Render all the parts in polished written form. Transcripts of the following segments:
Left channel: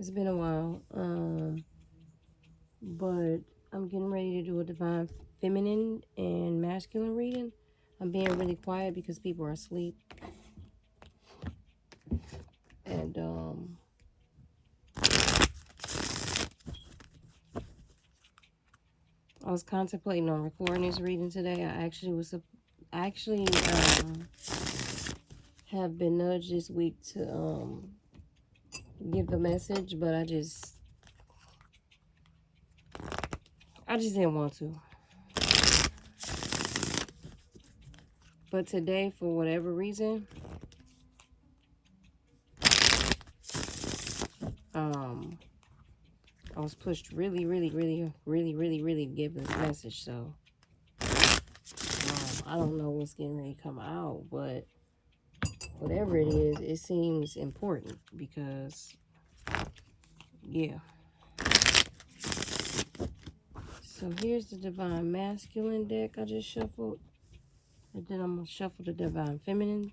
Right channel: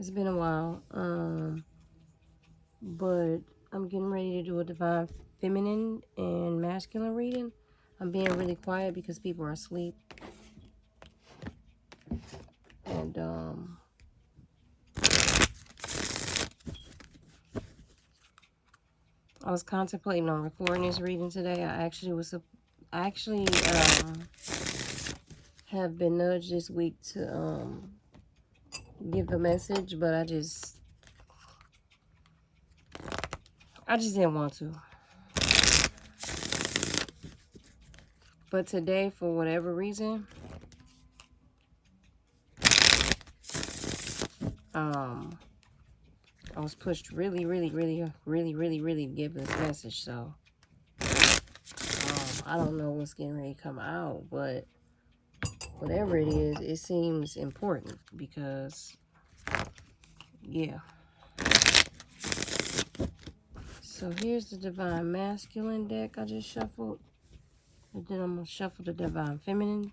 It's been a while. But I'm getting ready to do a divine feminine and masculine reading. I'm being really quiet because people are asleep. And I was contemplating on recording this reading today. I actually have been nudged this week to give a message, but I just didn't want to. But today, for whatever reason, I was pushed really to give this message. So I don't know what's getting ready to come out, but whatever it is, it seems important because, yeah. So here's the Divine Masculine deck I just shuffled. And then I'm going to shuffle the Divine Feminine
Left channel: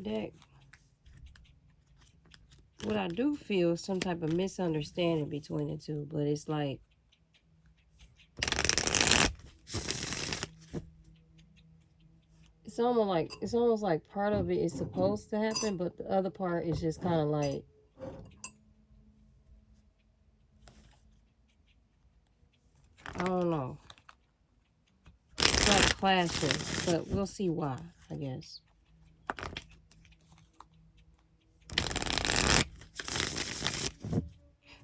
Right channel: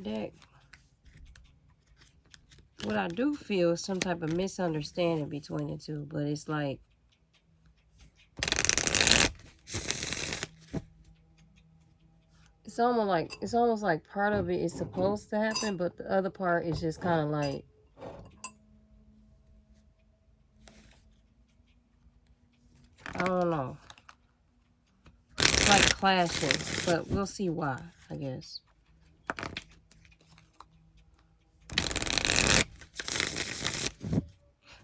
deck. What I do feel is some type of misunderstanding between the two, but it's like, it's almost like part of it is supposed to happen, but the other part is just kind of like, I don't know. It's like clashing, but we'll see why, I guess.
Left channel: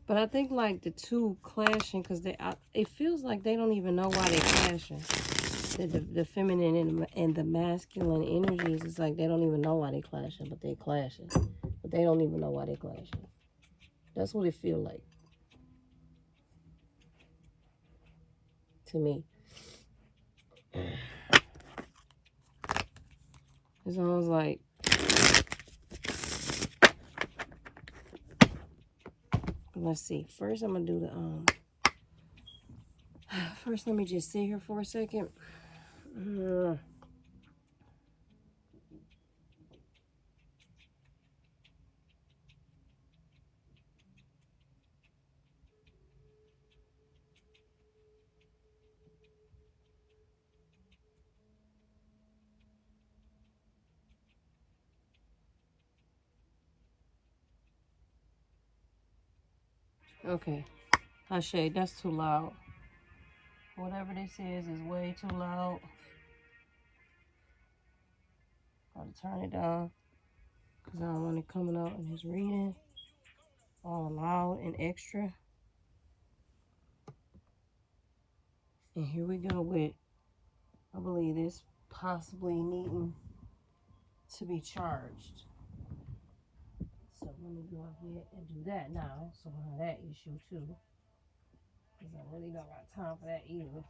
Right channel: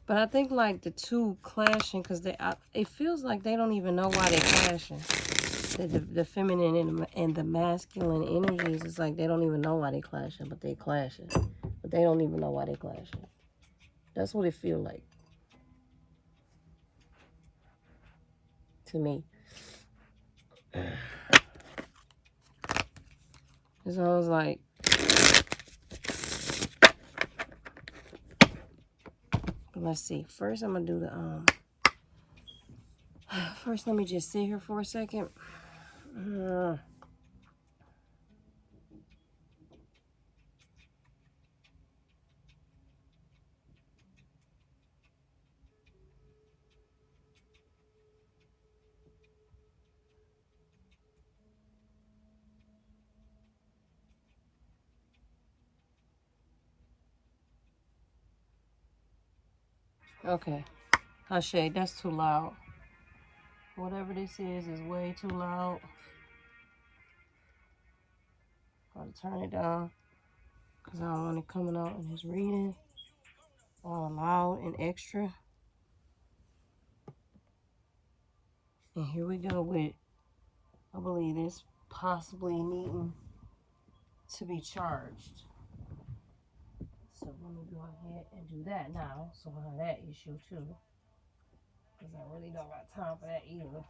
But I think like the two clashing because it feels like they don't even know why they're clashing. The feminine and the masculine energies, it's like they don't even know why they're clashing, but they're clashing. But they don't even know why they're clashing. That's what it feels like to me. It's always like, let's see. First, I'm gonna do the First, let me just sit here for a second. Okay. Shay, that's too loud. Whatever this is way too loud. Gotta turn it down. Because I don't want it coming out in his reading. All loud and extra. And here we go with, I believe this possibly needing to be charged. So let me go ahead and do that now. So we'll have that issue too. Because I really don't got time for that either.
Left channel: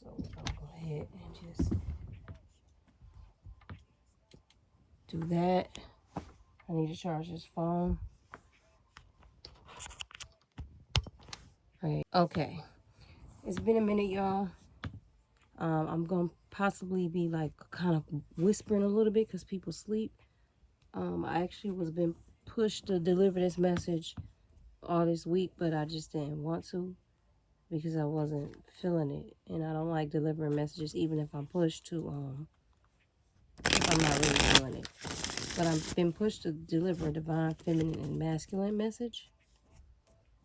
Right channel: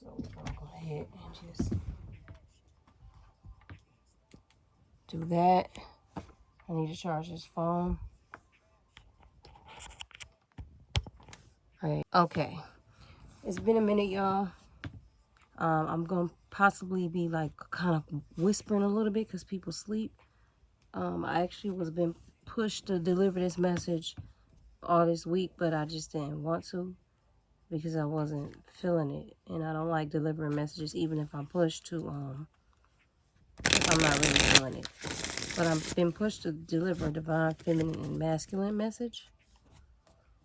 So I'll go ahead and just do that. I need to charge this phone. Alright, okay. It's been a minute, y'all. I'm going to possibly be like kind of whispering a little bit because people sleep. I actually was been pushed to deliver this message all this week, but I just didn't want to because I wasn't feeling it. And I don't like delivering messages even if I'm pushed to, if I'm not really feeling it. But I've been pushed to deliver a divine feminine and masculine message.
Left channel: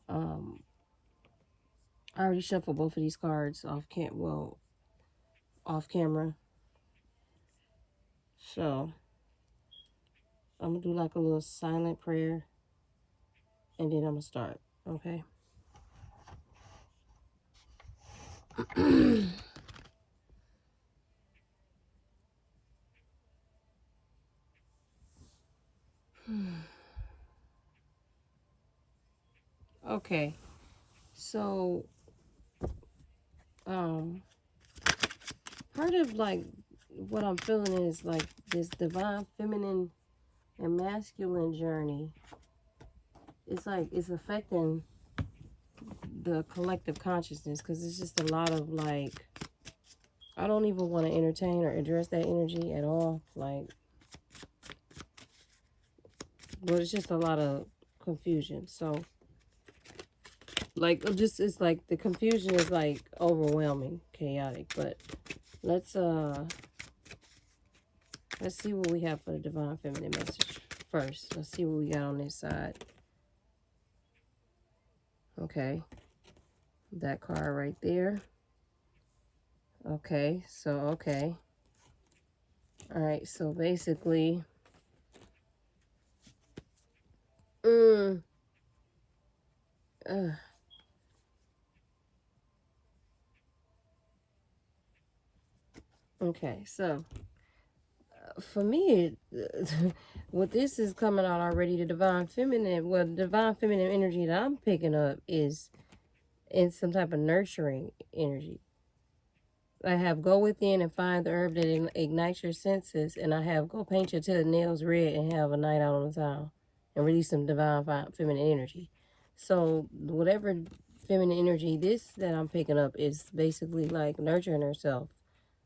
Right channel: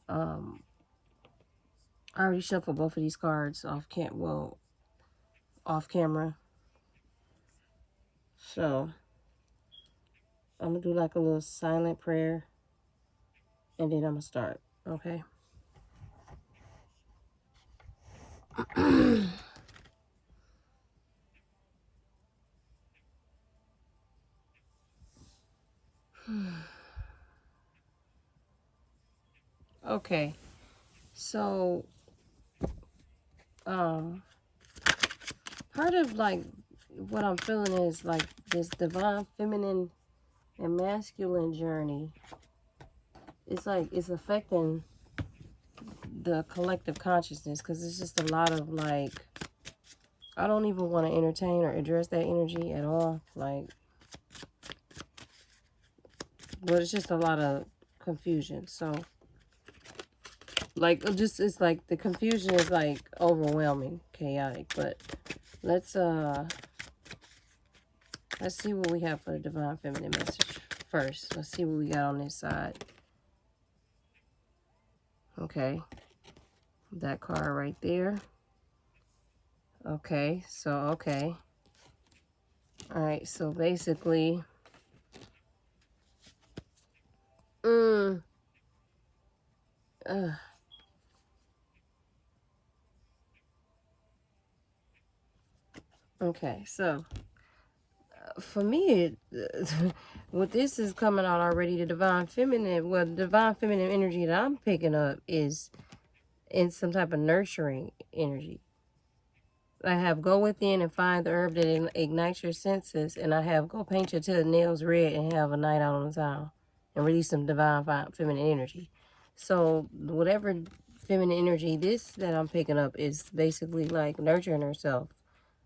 I already shuffled both of these cards off camera. So I'm gonna do like a little silent prayer and then I'm gonna start, okay? Okay, so part of like what I'm feeling is like this divine feminine and masculine journey. It's like it's affecting the collective consciousness because it's just a lot of like I don't even want to entertain or address that energy at all. Like, but it's just a lot of confusion. So, like, it's like the confusion is like overwhelming, chaotic. But let's see what we have for the divine feminine message first. Let's see what we got on this side. Okay, that card right there. Okay, so okay. All right, so basically, okay, so for me, what this is coming out already, the divine feminine, well, the divine feminine energy that I'm picking up is in some type of nurturing energy. I have go within and find the herb that ignites your senses, and I have go paint your nails red and have a night out on the town and release some divine feminine energy. So whatever feminine energy this that I'm picking up is basically like nurturing herself,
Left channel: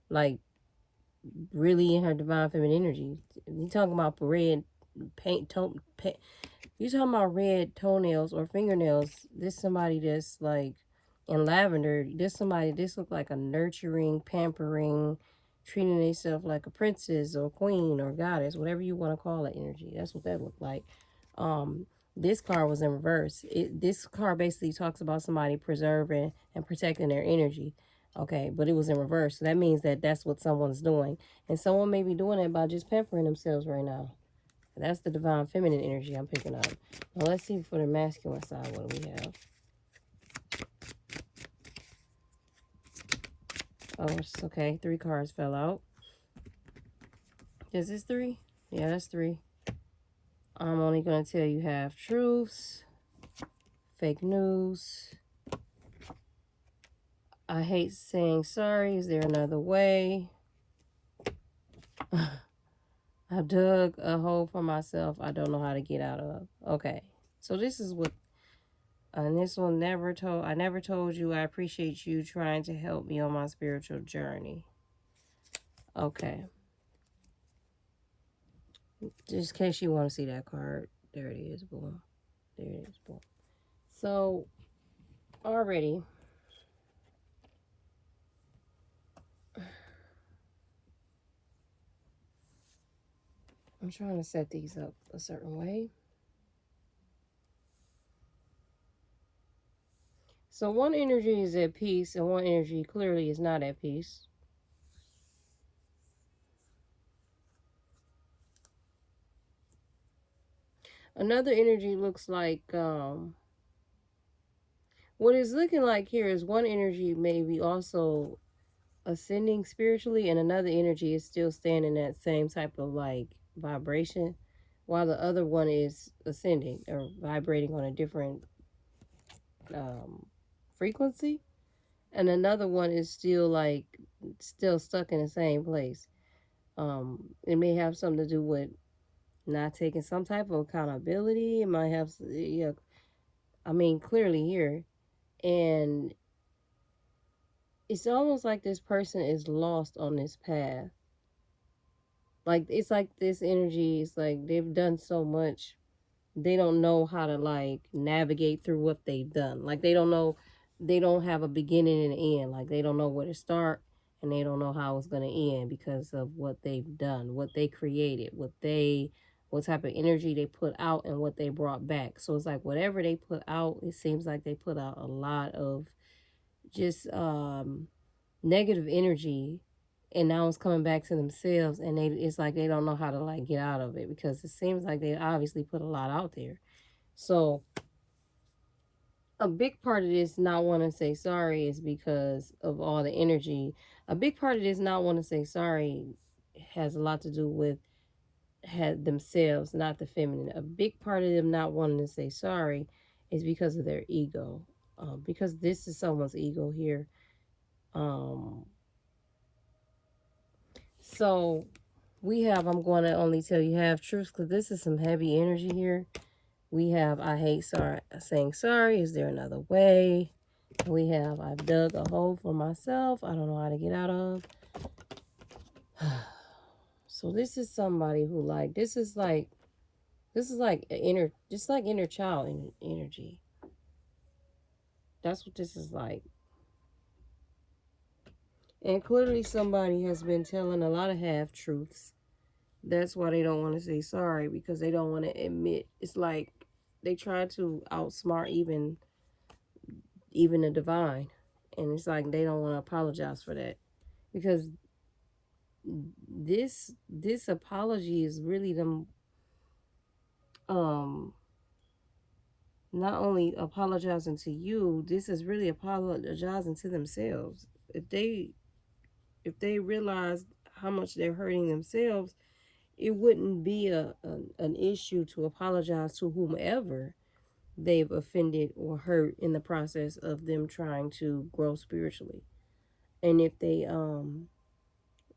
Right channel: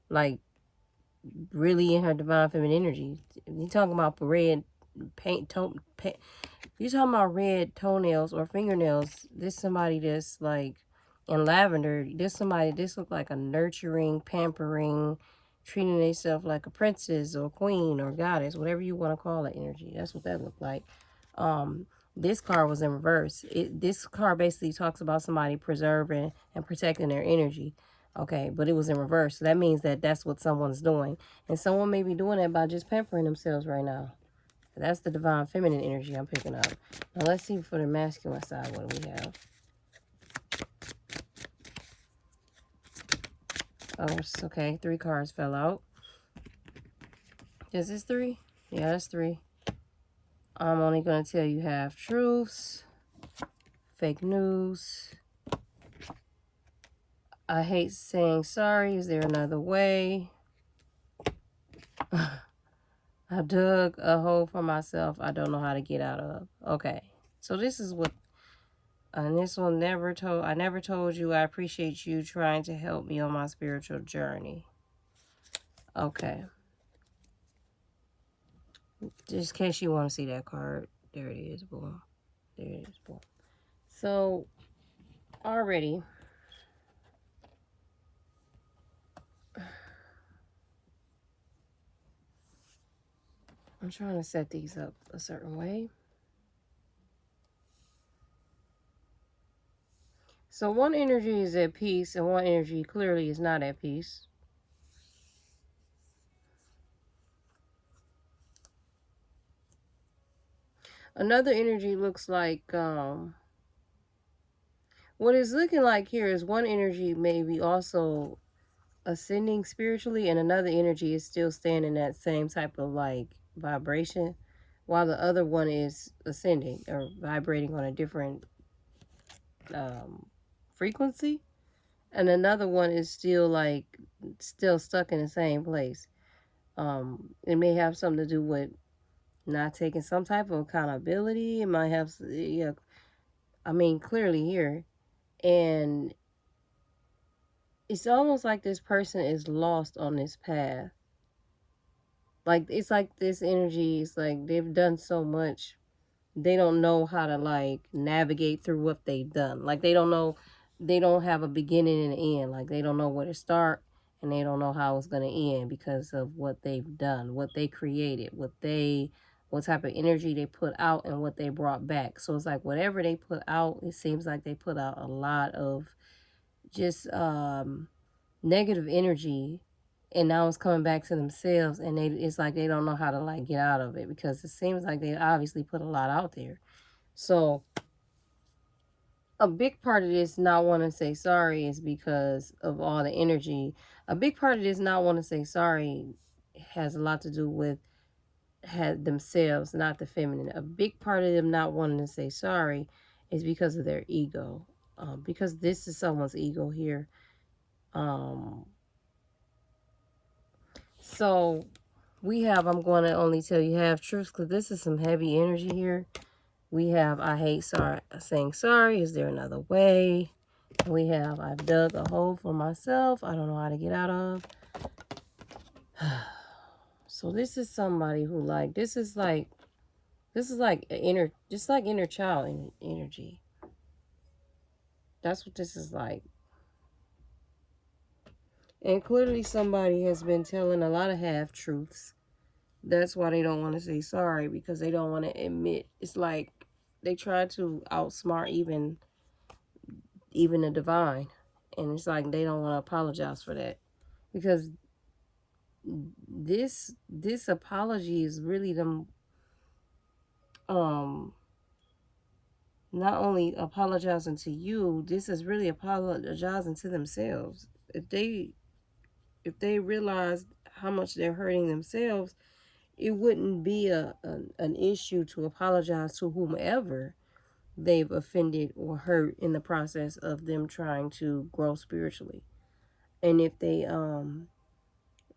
like really in her divine feminine energy. You talking about red you talking about red toenails or fingernails, this somebody that's like in lavender, this look like a nurturing, pampering, treating themselves like a princess or queen or goddess, whatever you want to call that energy. That's what that looked like. This card was in reverse. This card basically talks about somebody preserving and protecting their energy. Okay, but it was in reverse. So that means that that's what someone's doing. And someone may be doing that by just pampering themselves right now. That's the divine feminine energy I'm picking up. Now let's see for the masculine side what do we have. Oh, it's okay. 3 cards fell out. Is this 3? Yeah, that's 3. I'm only going to tell you half truths. Fake news. I hate saying sorry. Is there another way? I dug a hole for myself I don't know how to get out of. Okay. So this is what, and this one I never told you I appreciate you trying to help me on my spiritual journey. Okay. Just in case you want to see that card. There it is. Boom. There it is. Boom. So, already, I'm trying to set these up a certain way. So one energy is at peace and one energy clearly is not at peace. Another energy looks like, what it's looking like here is one energy maybe also ascending spiritually and another energy is still staying in that same type of like vibration while the other one is ascending or vibrating on a different frequency, and another one is still stuck in the same place. It may have something to do with not taking some type of accountability. It might have, yeah, I mean, clearly here. And it's almost like this person is lost on this path. Like, it's like this energy is like they've done so much. They don't know how to like navigate through what they've done. Like, they don't have a beginning and an end. Like, they don't know where to start and they don't know how it's going to end because of what they've done, what they created, what type of energy they put out and what they brought back. So it's like whatever they put out, it seems like they put out a lot of just negative energy, and now it's coming back to themselves, and it's like they don't know how to like get out of it because it seems like they obviously put a lot out there. So a big part of this not wanting to say sorry is because of all the energy. A big part of this not wanting to say sorry has a lot to do with themselves, not the feminine. A big part of them not wanting to say sorry is because of their ego, because this is someone's ego here. So we have, I'm going to only tell you half truths because this is some heavy energy here. We have, I hate saying sorry. Is there another way? We have, I've dug a hole for myself. I don't know how to get out of. So this is somebody who like, this is like inner, just like inner child energy. That's what this is like. And clearly somebody has been telling a lot of half-truths. That's why they don't want to say sorry, because they don't want to admit. It's like they try to outsmart even the divine. And it's like they don't want to apologize for that. Because this apology is really them not only apologizing to you, this is really apologizing to themselves. If they realize how much they're hurting themselves, it wouldn't be an issue to apologize to whomever they've offended or hurt in the process of them trying to grow spiritually. And if they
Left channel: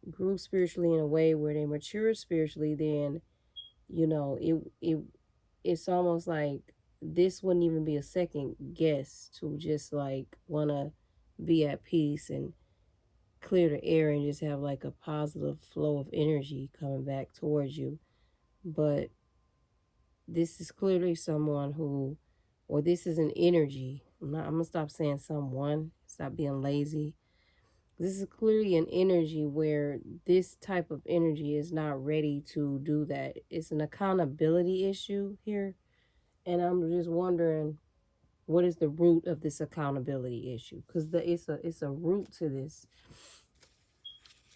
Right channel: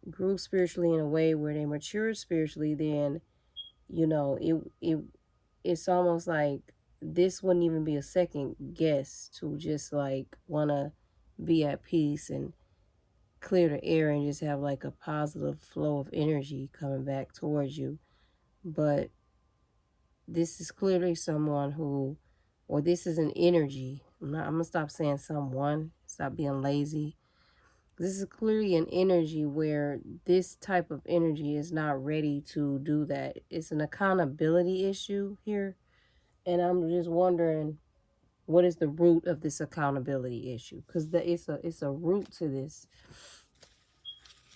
grew spiritually in a way where they matured spiritually, then it's almost like this wouldn't even be a second guess to just like want to be at peace and clear the air and just have like a positive flow of energy coming back towards you. But this is clearly someone who, or this is an energy. I'm gonna stop saying someone, stop being lazy. This is clearly an energy where this type of energy is not ready to do that. It's an accountability issue here. And I'm just wondering, what is the root of this accountability issue? Because it's a root to this.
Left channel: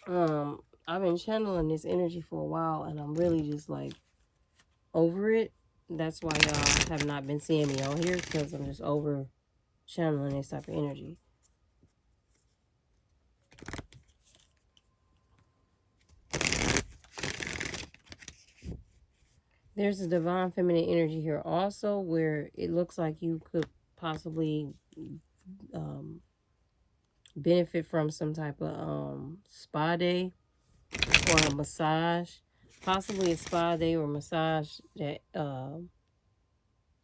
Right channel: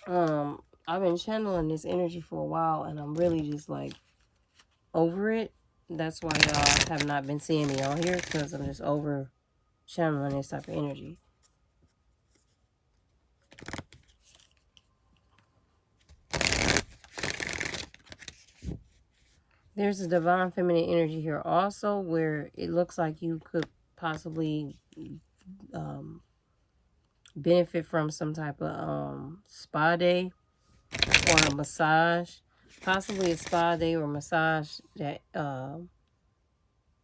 I've been channeling this energy for a while, and I'm really just like over it. That's why y'all have not been seeing me on here, because I'm just over channeling this type of energy. There's a divine feminine energy here also, where it looks like you could possibly benefit from some type of spa day or a massage, possibly a spa day or massage that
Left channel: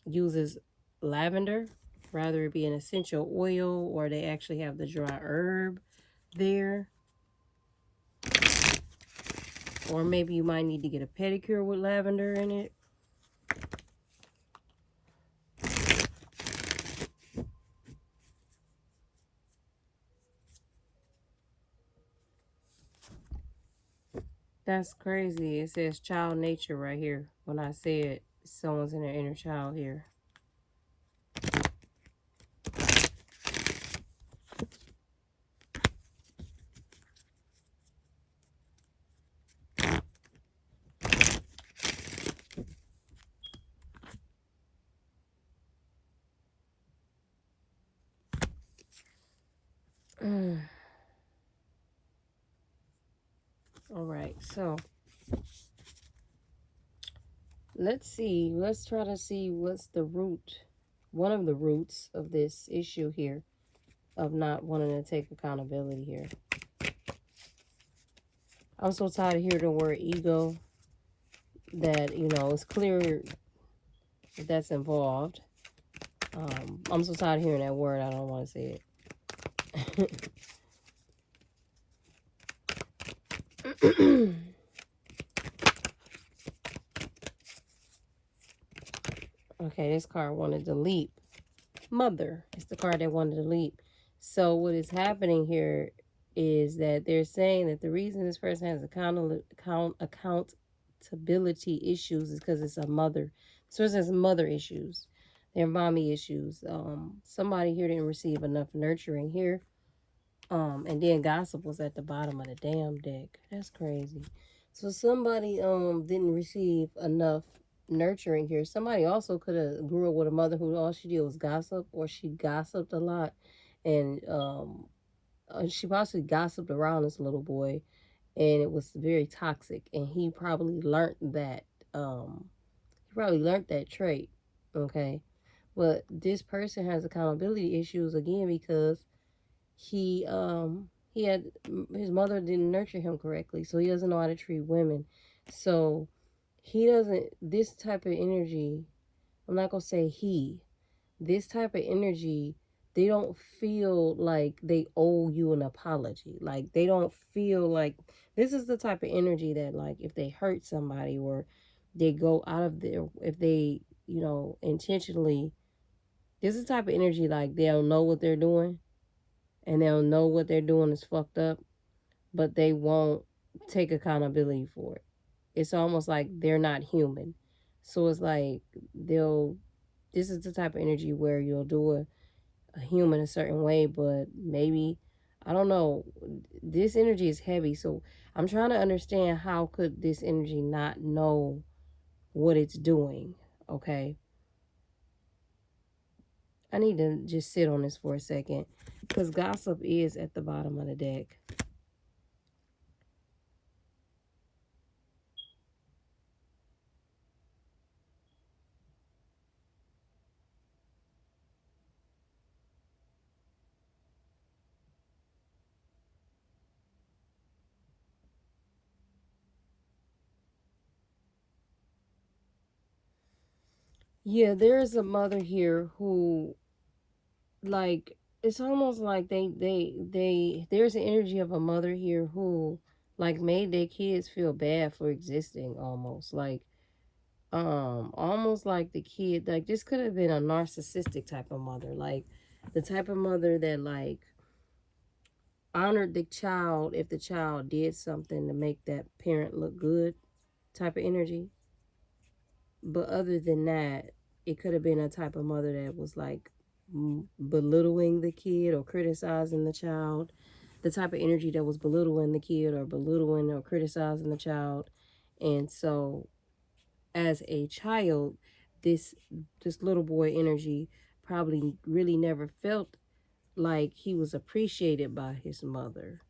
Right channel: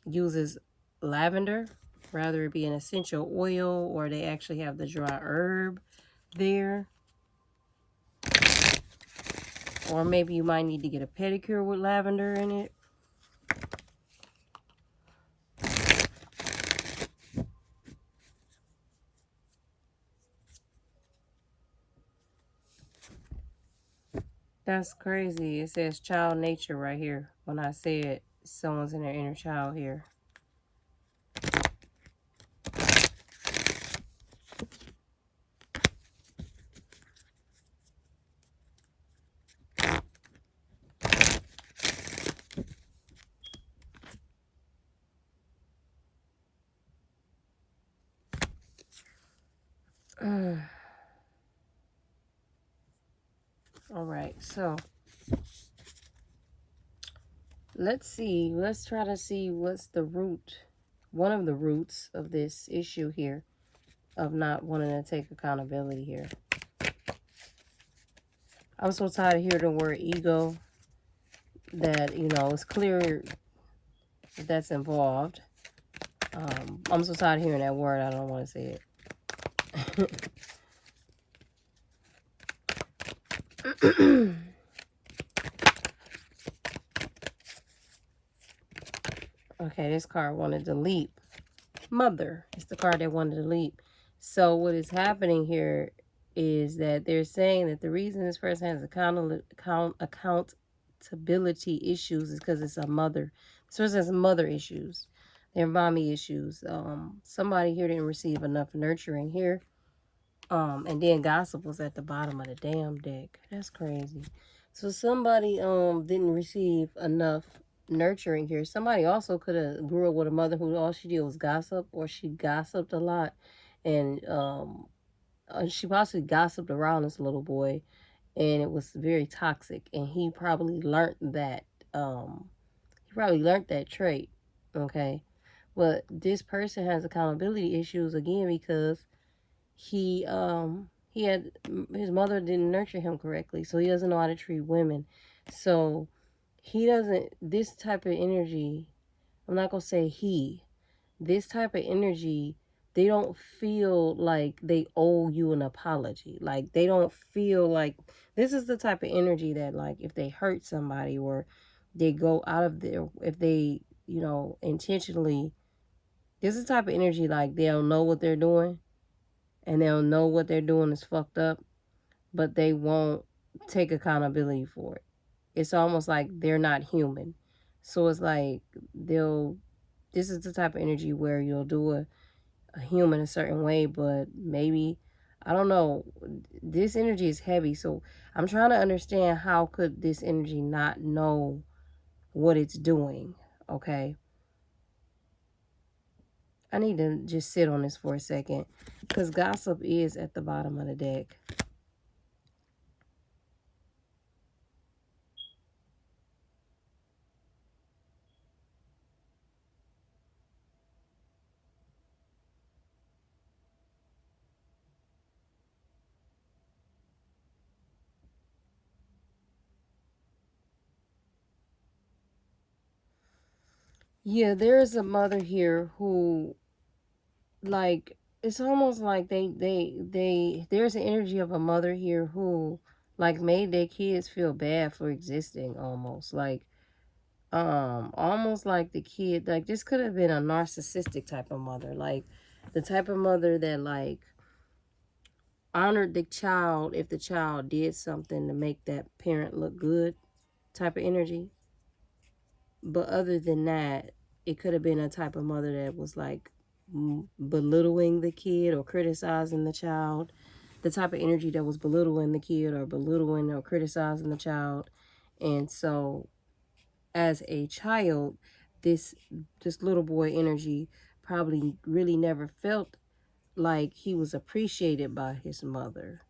uses lavender, rather it be an essential oil, or they actually have the dry herb there. Or maybe you might need to get a pedicure with lavender in it. That's crazy. It says child nature right here. When I said someone's in their inner child here. All right, so let's try to see what's the root, one of the roots of this issue here, of not wanting to take accountability here. I'm so tired of hearing the word ego, that, it's clear that that's involved. I'm so tired of hearing that word, I don't want to say it. Okay, this card wanted to leap. Mother. It's the card that wanted to leap. So what is happening here is that they're saying that the reason this person has accountability issues is because it's a mother. This person has mother issues. They're mommy issues. Somebody here didn't receive enough nurturing here. And then gossip was at the bottom of the damn deck. That's crazy. So somebody didn't receive enough nurturing here. Somebody also could have grew up with a mother who all she did was gossip, or she gossiped a lot, and she possibly gossiped around this little boy, and it was very toxic, and he probably learned that trait. Okay, but this person has accountability issues again, because he had, his mother didn't nurture him correctly, so he doesn't know how to treat women. So he doesn't, this type of energy, I'm not gonna say he, this type of energy they don't feel like they owe you an apology. Like, they don't feel like, this is the type of energy that, like, if they hurt somebody or they go out of their, if they, you know, intentionally, this is the type of energy, like, they'll know what they're doing and they'll know what they're doing is fucked up, but they won't take accountability for it. It's almost like they're not human. So it's like this is the type of energy where you'll do a human a certain way, but maybe, I don't know, this energy is heavy. So I'm trying to understand, how could this energy not know what it's doing? Okay. I need to just sit on this for a second, because gossip is at the bottom of the deck. Yeah, there's a mother here who, like, it's almost like there's an energy of a mother here who, like, made their kids feel bad for existing, almost like, almost like the kid, like, this could have been a narcissistic type of mother, like the type of mother that, like, honored the child if the child did something to make that parent look good, type of energy. But other than that, it could have been a type of mother that was, like, belittling the kid or criticizing the child. The type of energy that was belittling the kid or belittling or criticizing the child. And so, as a child, this little boy energy probably really never felt like he was appreciated by his mother.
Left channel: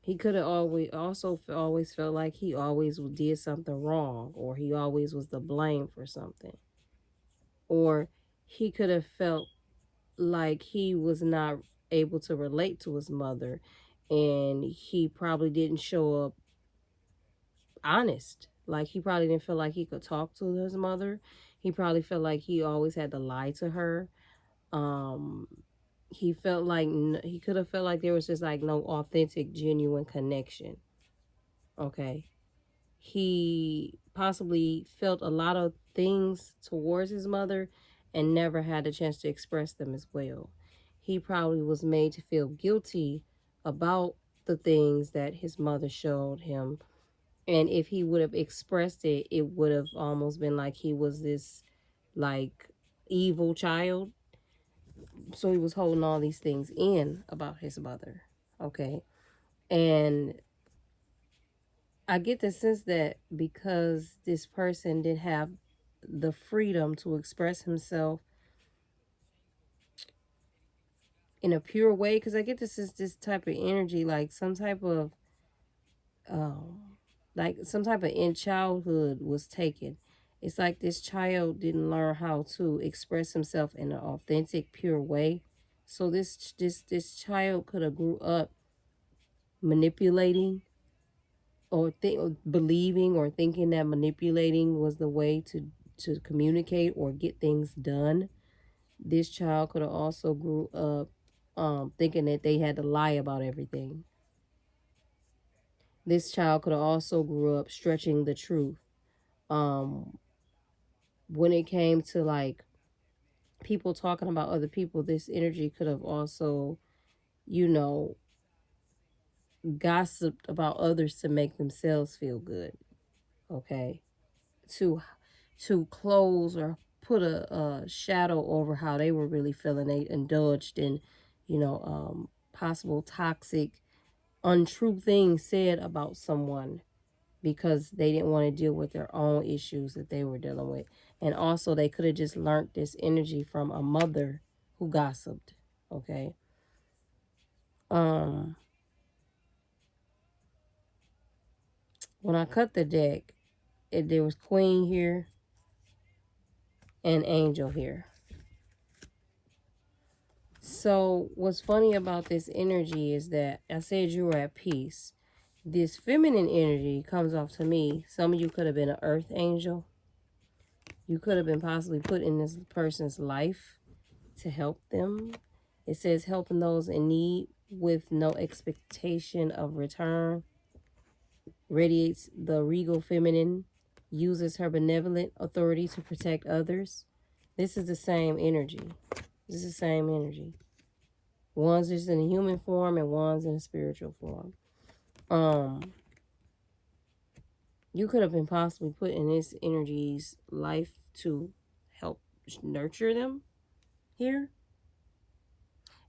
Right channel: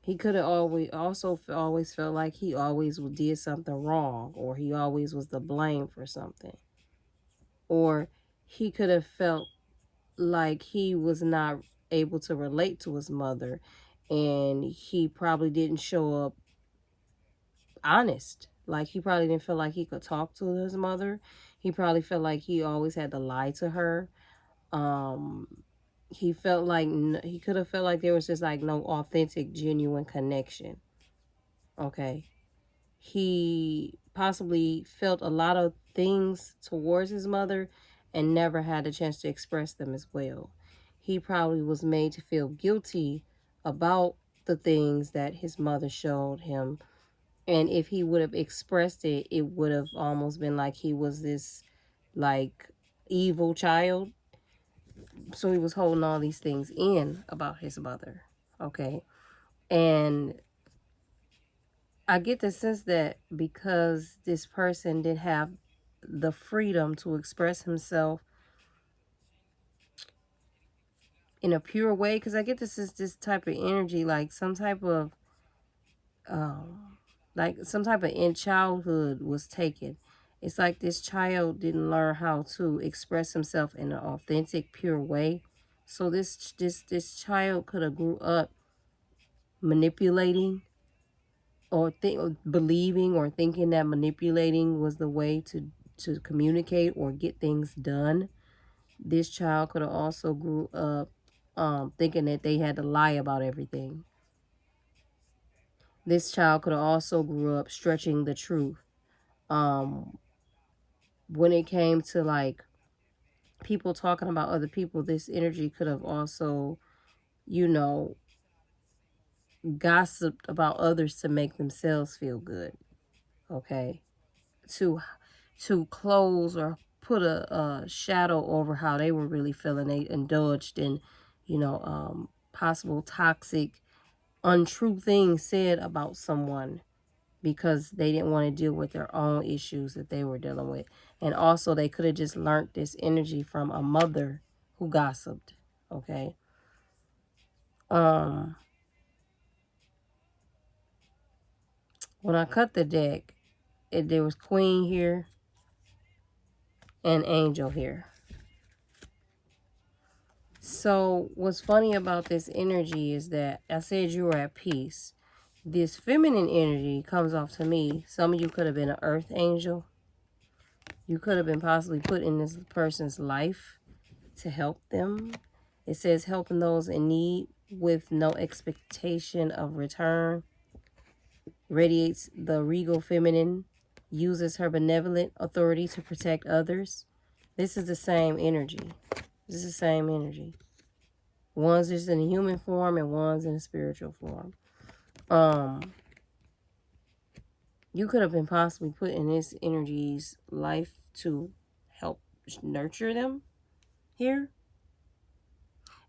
He could have always felt like he always did something wrong, or he always was the blame for something. Or he could have felt like he was not able to relate to his mother, and he probably didn't show up honest. Like, he probably didn't feel like he could talk to his mother. He probably felt like he always had to lie to her. Um, he felt like he could have felt like there was just, like, no authentic, genuine connection. Okay. He possibly felt a lot of things towards his mother and never had a chance to express them as well. He probably was made to feel guilty about the things that his mother showed him. And if he would have expressed it, it would have almost been like he was this, like, evil child. So he was holding all these things in about his mother. Okay. And I get the sense that because this person did have the freedom to express himself in a pure way, because I get this type of energy, like some type of in childhood was taken. It's like this child didn't learn how to express himself in an authentic, pure way. So this child could have grew up manipulating, or believing or thinking that manipulating was the way to communicate or get things done. This child could have also grew up thinking that they had to lie about everything. This child could have also grew up stretching the truth. Um, when it came to, like, people talking about other people, this energy could have also, you know, gossiped about others to make themselves feel good. Okay. To close or put a shadow over how they were really feeling. They indulged in, possible toxic, untrue things said about someone because they didn't want to deal with their own issues that they were dealing with. And also, they could have just learned this energy from a mother who gossiped. Okay. When I cut the deck, there was Queen here and Angel here. So what's funny about this energy is that I said you were at peace. This feminine energy comes off to me. Some of you could have been an earth angel. You could have been possibly put in this person's life to help them. It says helping those in need with no expectation of return. Radiates the regal feminine. Uses her benevolent authority to protect others. This is the same energy. This is the same energy. One's just in a human form and one's in a spiritual form. You could have been possibly put in this energy's life to help nurture them here.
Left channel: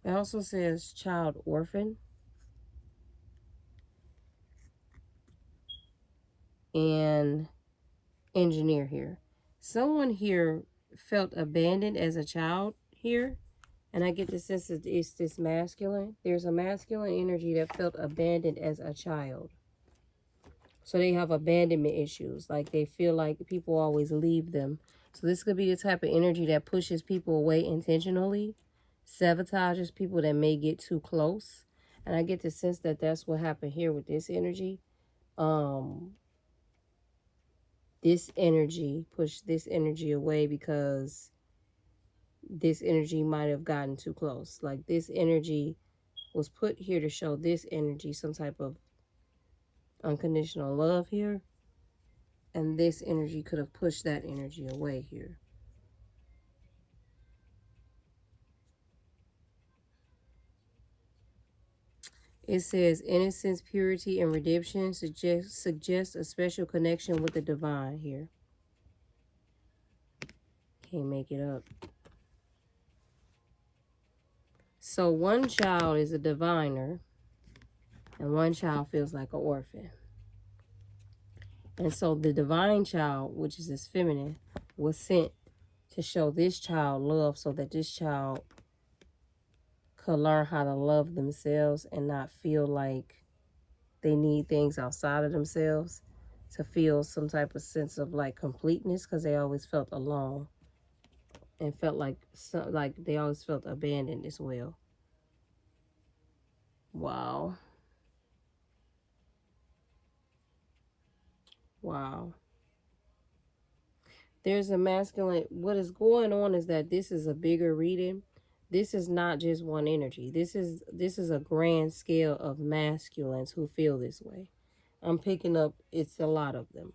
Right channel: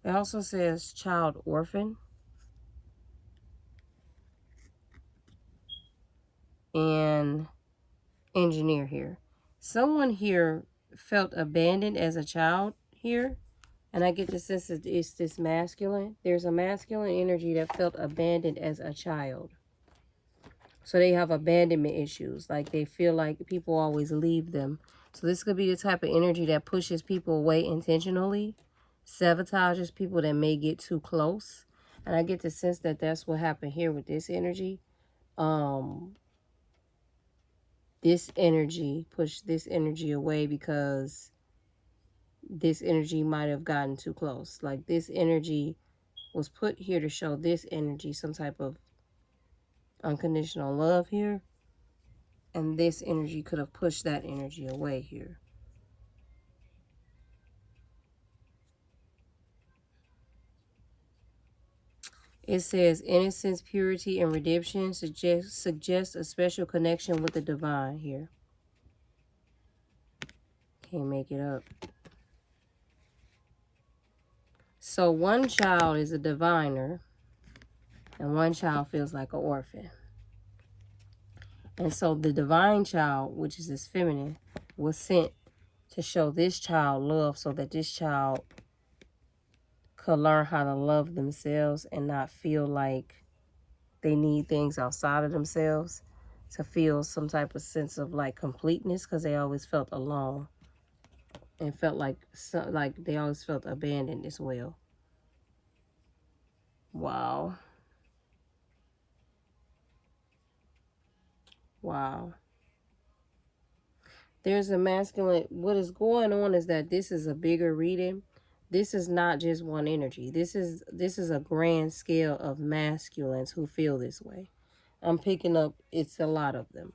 It also says child orphan. And engineer here. Someone here felt abandoned as a child here. And I get the sense that it's this masculine. There's a masculine energy that felt abandoned as a child. So they have abandonment issues. Like they feel like people always leave them. So this could be the type of energy that pushes people away intentionally. Sabotages people that may get too close. And I get the sense that that's what happened here with this energy. This energy pushed this energy away because this energy might have gotten too close. Like this energy was put here to show this energy some type of unconditional love here. And this energy could have pushed that energy away here. It says innocence, purity, and redemption suggest a special connection with the divine here. Can't make it up. So one child is a diviner and one child feels like an orphan. And so the divine child, which is this feminine, was sent to show this child love so that this child could learn how to love themselves and not feel like they need things outside of themselves to feel some type of sense of like completeness, because they always felt alone and felt like they always felt abandoned as well. Wow. Wow. There's a masculine. What is going on is that this is a bigger reading. This is not just one energy. This is a grand scale of masculines who feel this way. I'm picking up it's a lot of them.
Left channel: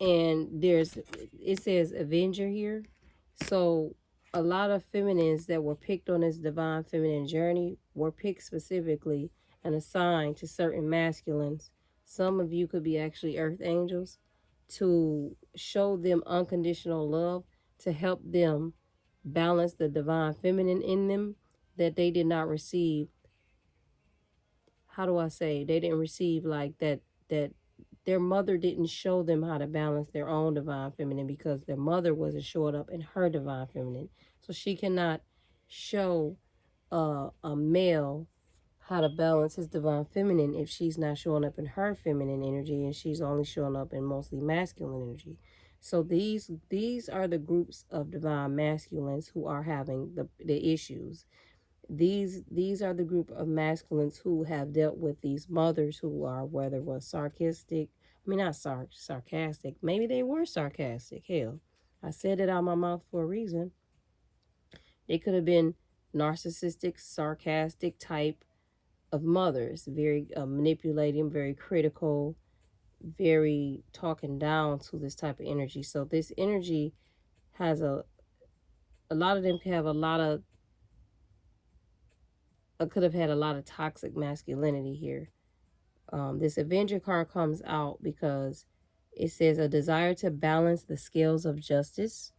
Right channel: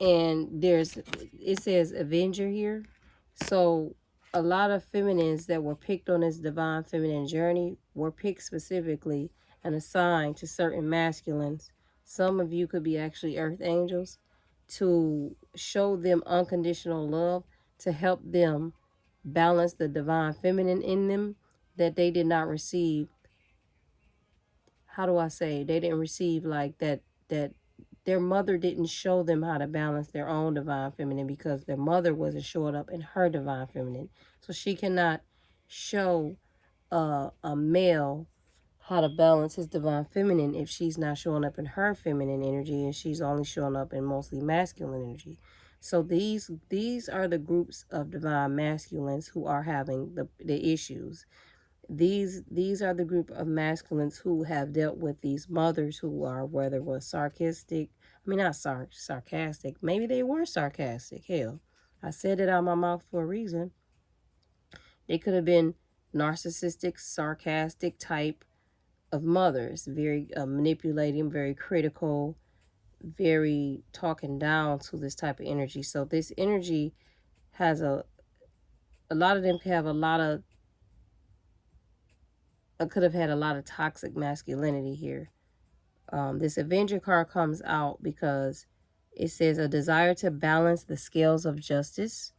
And it says Avenger here. So a lot of feminines that were picked on this divine feminine journey were picked specifically and assigned to certain masculines. Some of you could be actually earth angels, to show them unconditional love, to help them balance the divine feminine in them that they did not receive. How do I say? They didn't receive like that their mother didn't show them how to balance their own divine feminine because their mother wasn't showing up in her divine feminine. So she cannot show a male how to balance his divine feminine if she's not showing up in her feminine energy and she's only showing up in mostly masculine energy. So these are the groups of divine masculines who are having the issues. These are the group of masculines who have dealt with these mothers who are, whether it was sarcastic, I mean not sarcastic, maybe they were sarcastic. Hell, I said it out of my mouth for a reason. They could have been narcissistic, sarcastic type of mothers, very manipulating, very critical, very talking down to this type of energy. So this energy has a lot of them could have a lot of could have had a lot of toxic masculinity here. This Avenger card comes out because it says a desire to balance the scales of justice,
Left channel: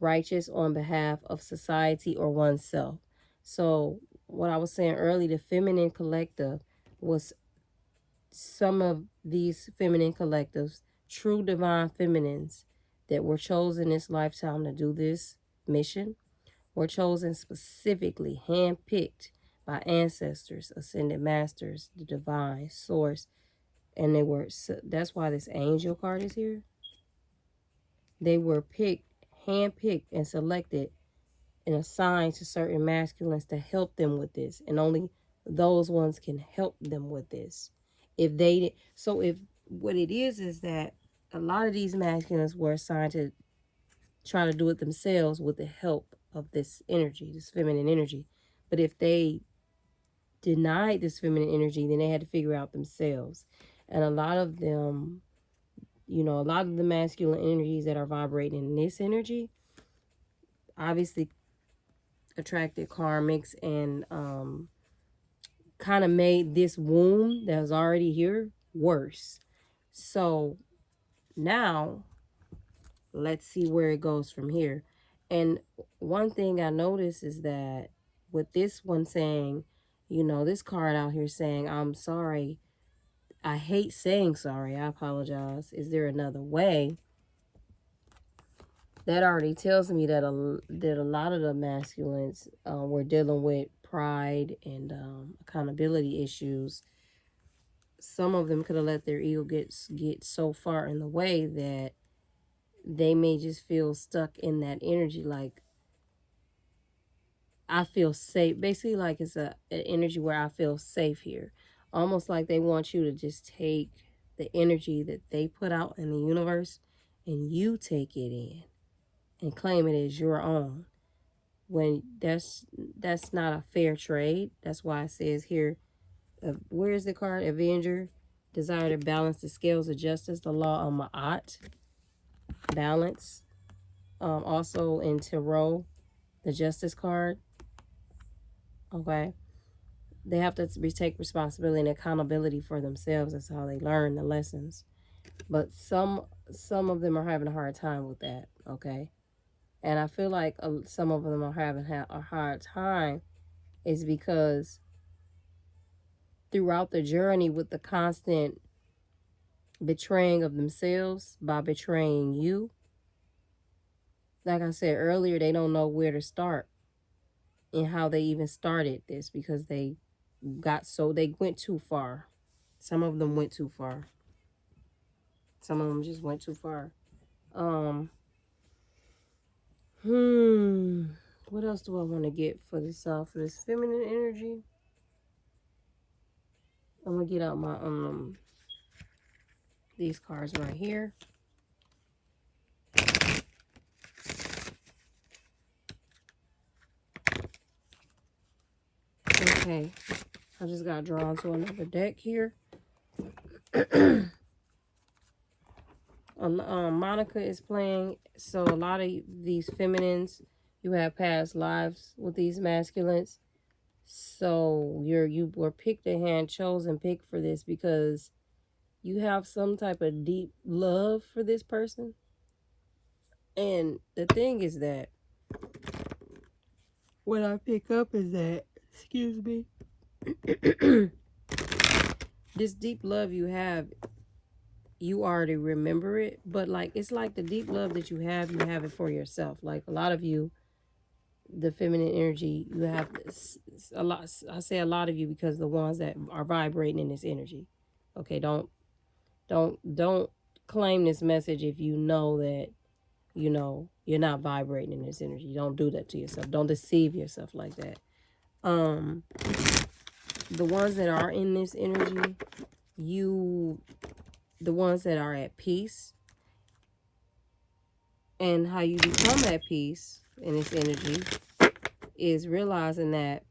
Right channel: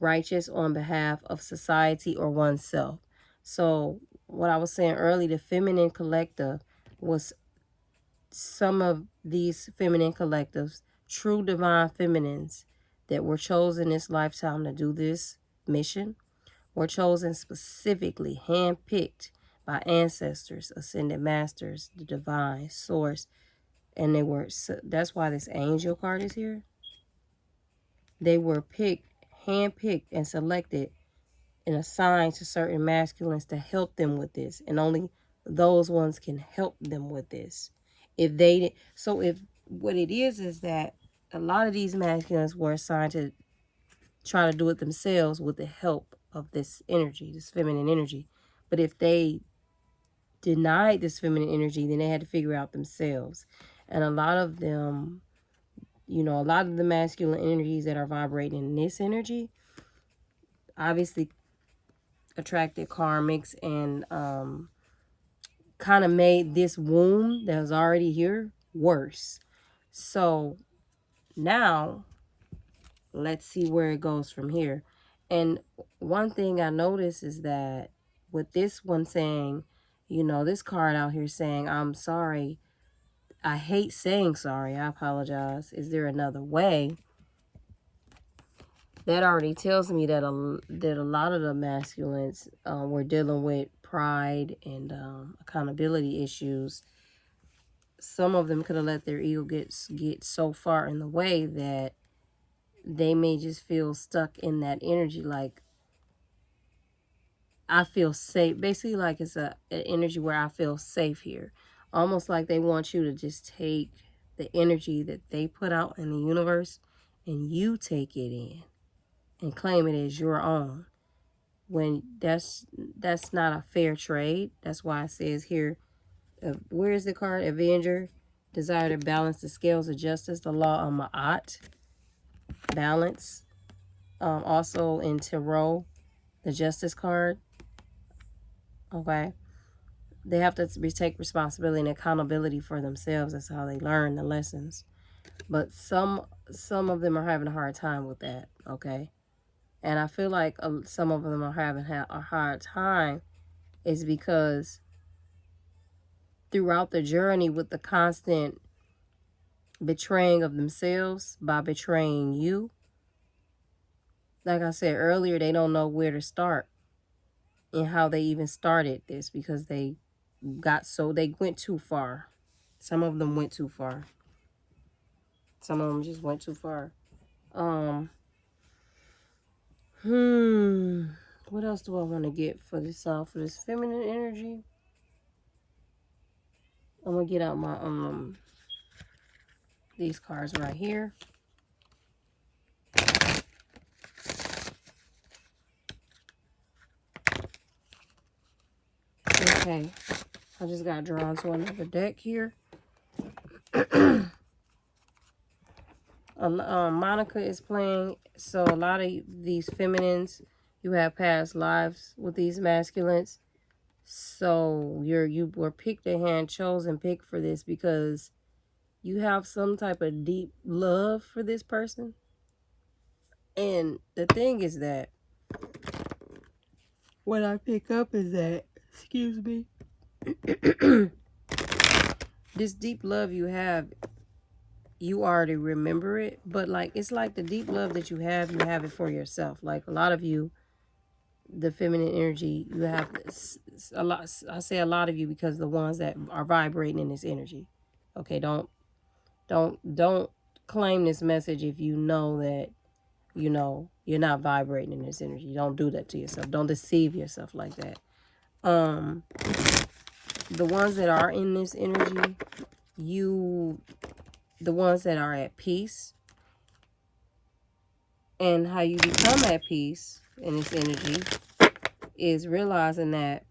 righteous on behalf of society or oneself. So what I was saying earlier, the feminine collective was some of these feminine collectives, true divine feminines that were chosen this lifetime to do this mission, were chosen specifically, handpicked by ancestors, ascended masters, the divine source, and that's why this angel card is here. They were picked, handpicked, and selected and assigned to certain masculines to help them with this, and only those ones can help them with this. If what it is that a lot of these masculines were assigned to try to do it themselves with the help of this energy, this feminine energy. But if they denied this feminine energy, then they had to figure out themselves. And a lot of them, you know, a lot of the masculine energies that are vibrating in this energy obviously attracted karmics and kind of made this wound that was already here worse. So now let's see where it goes from here. And one thing I noticed is that with this one saying, you know, this card out here saying, I'm sorry, I hate saying sorry, I apologize, is there another way? That already tells me that a lot of the masculines were dealing with pride and accountability issues. Some of them could have let their ego get so far in the way that they may just feel stuck in that energy, like, I feel safe. Basically, like it's an energy where I feel safe here. Almost like they want you to just take the energy that they put out in the universe and you take it in and claim it as your own. When that's not a fair trade. That's why it says here, where is the card? Avenger, desire to balance the scales of justice, the law of Ma'at, balance. Also in Tarot, the Justice card. Okay. They have to take responsibility and accountability for themselves. That's how they learn the lessons. But some of them are having a hard time with that. Okay. And I feel like some of them are having a hard time is because throughout the journey with the constant betraying of themselves by betraying you, like I said earlier, they don't know where to start and how they even started this because they went too far. Some of them went too far. Some of them just went too far. What else do I want to get for this for this feminine energy? I'm gonna get out my these cards right here. Okay, I just got drawn to another deck here. Monica is playing, so a lot of these feminines, you have past lives with these masculines. So you were picked a hand, chosen pick for this because you have some type of deep love for this person. And the thing is that what I pick up is that, excuse me, this deep love you have, you already remember it, but like it's like the deep love that you have it for yourself. Like a lot of you, the feminine energy, you have a lot. I say a lot of you because the ones that are vibrating in this energy. Okay, don't claim this message if you know that you know you're not vibrating in this energy. Don't do that to yourself. Don't deceive yourself like that. The ones that are in this energy, the ones that are at peace, and how you become at peace in this energy is realizing that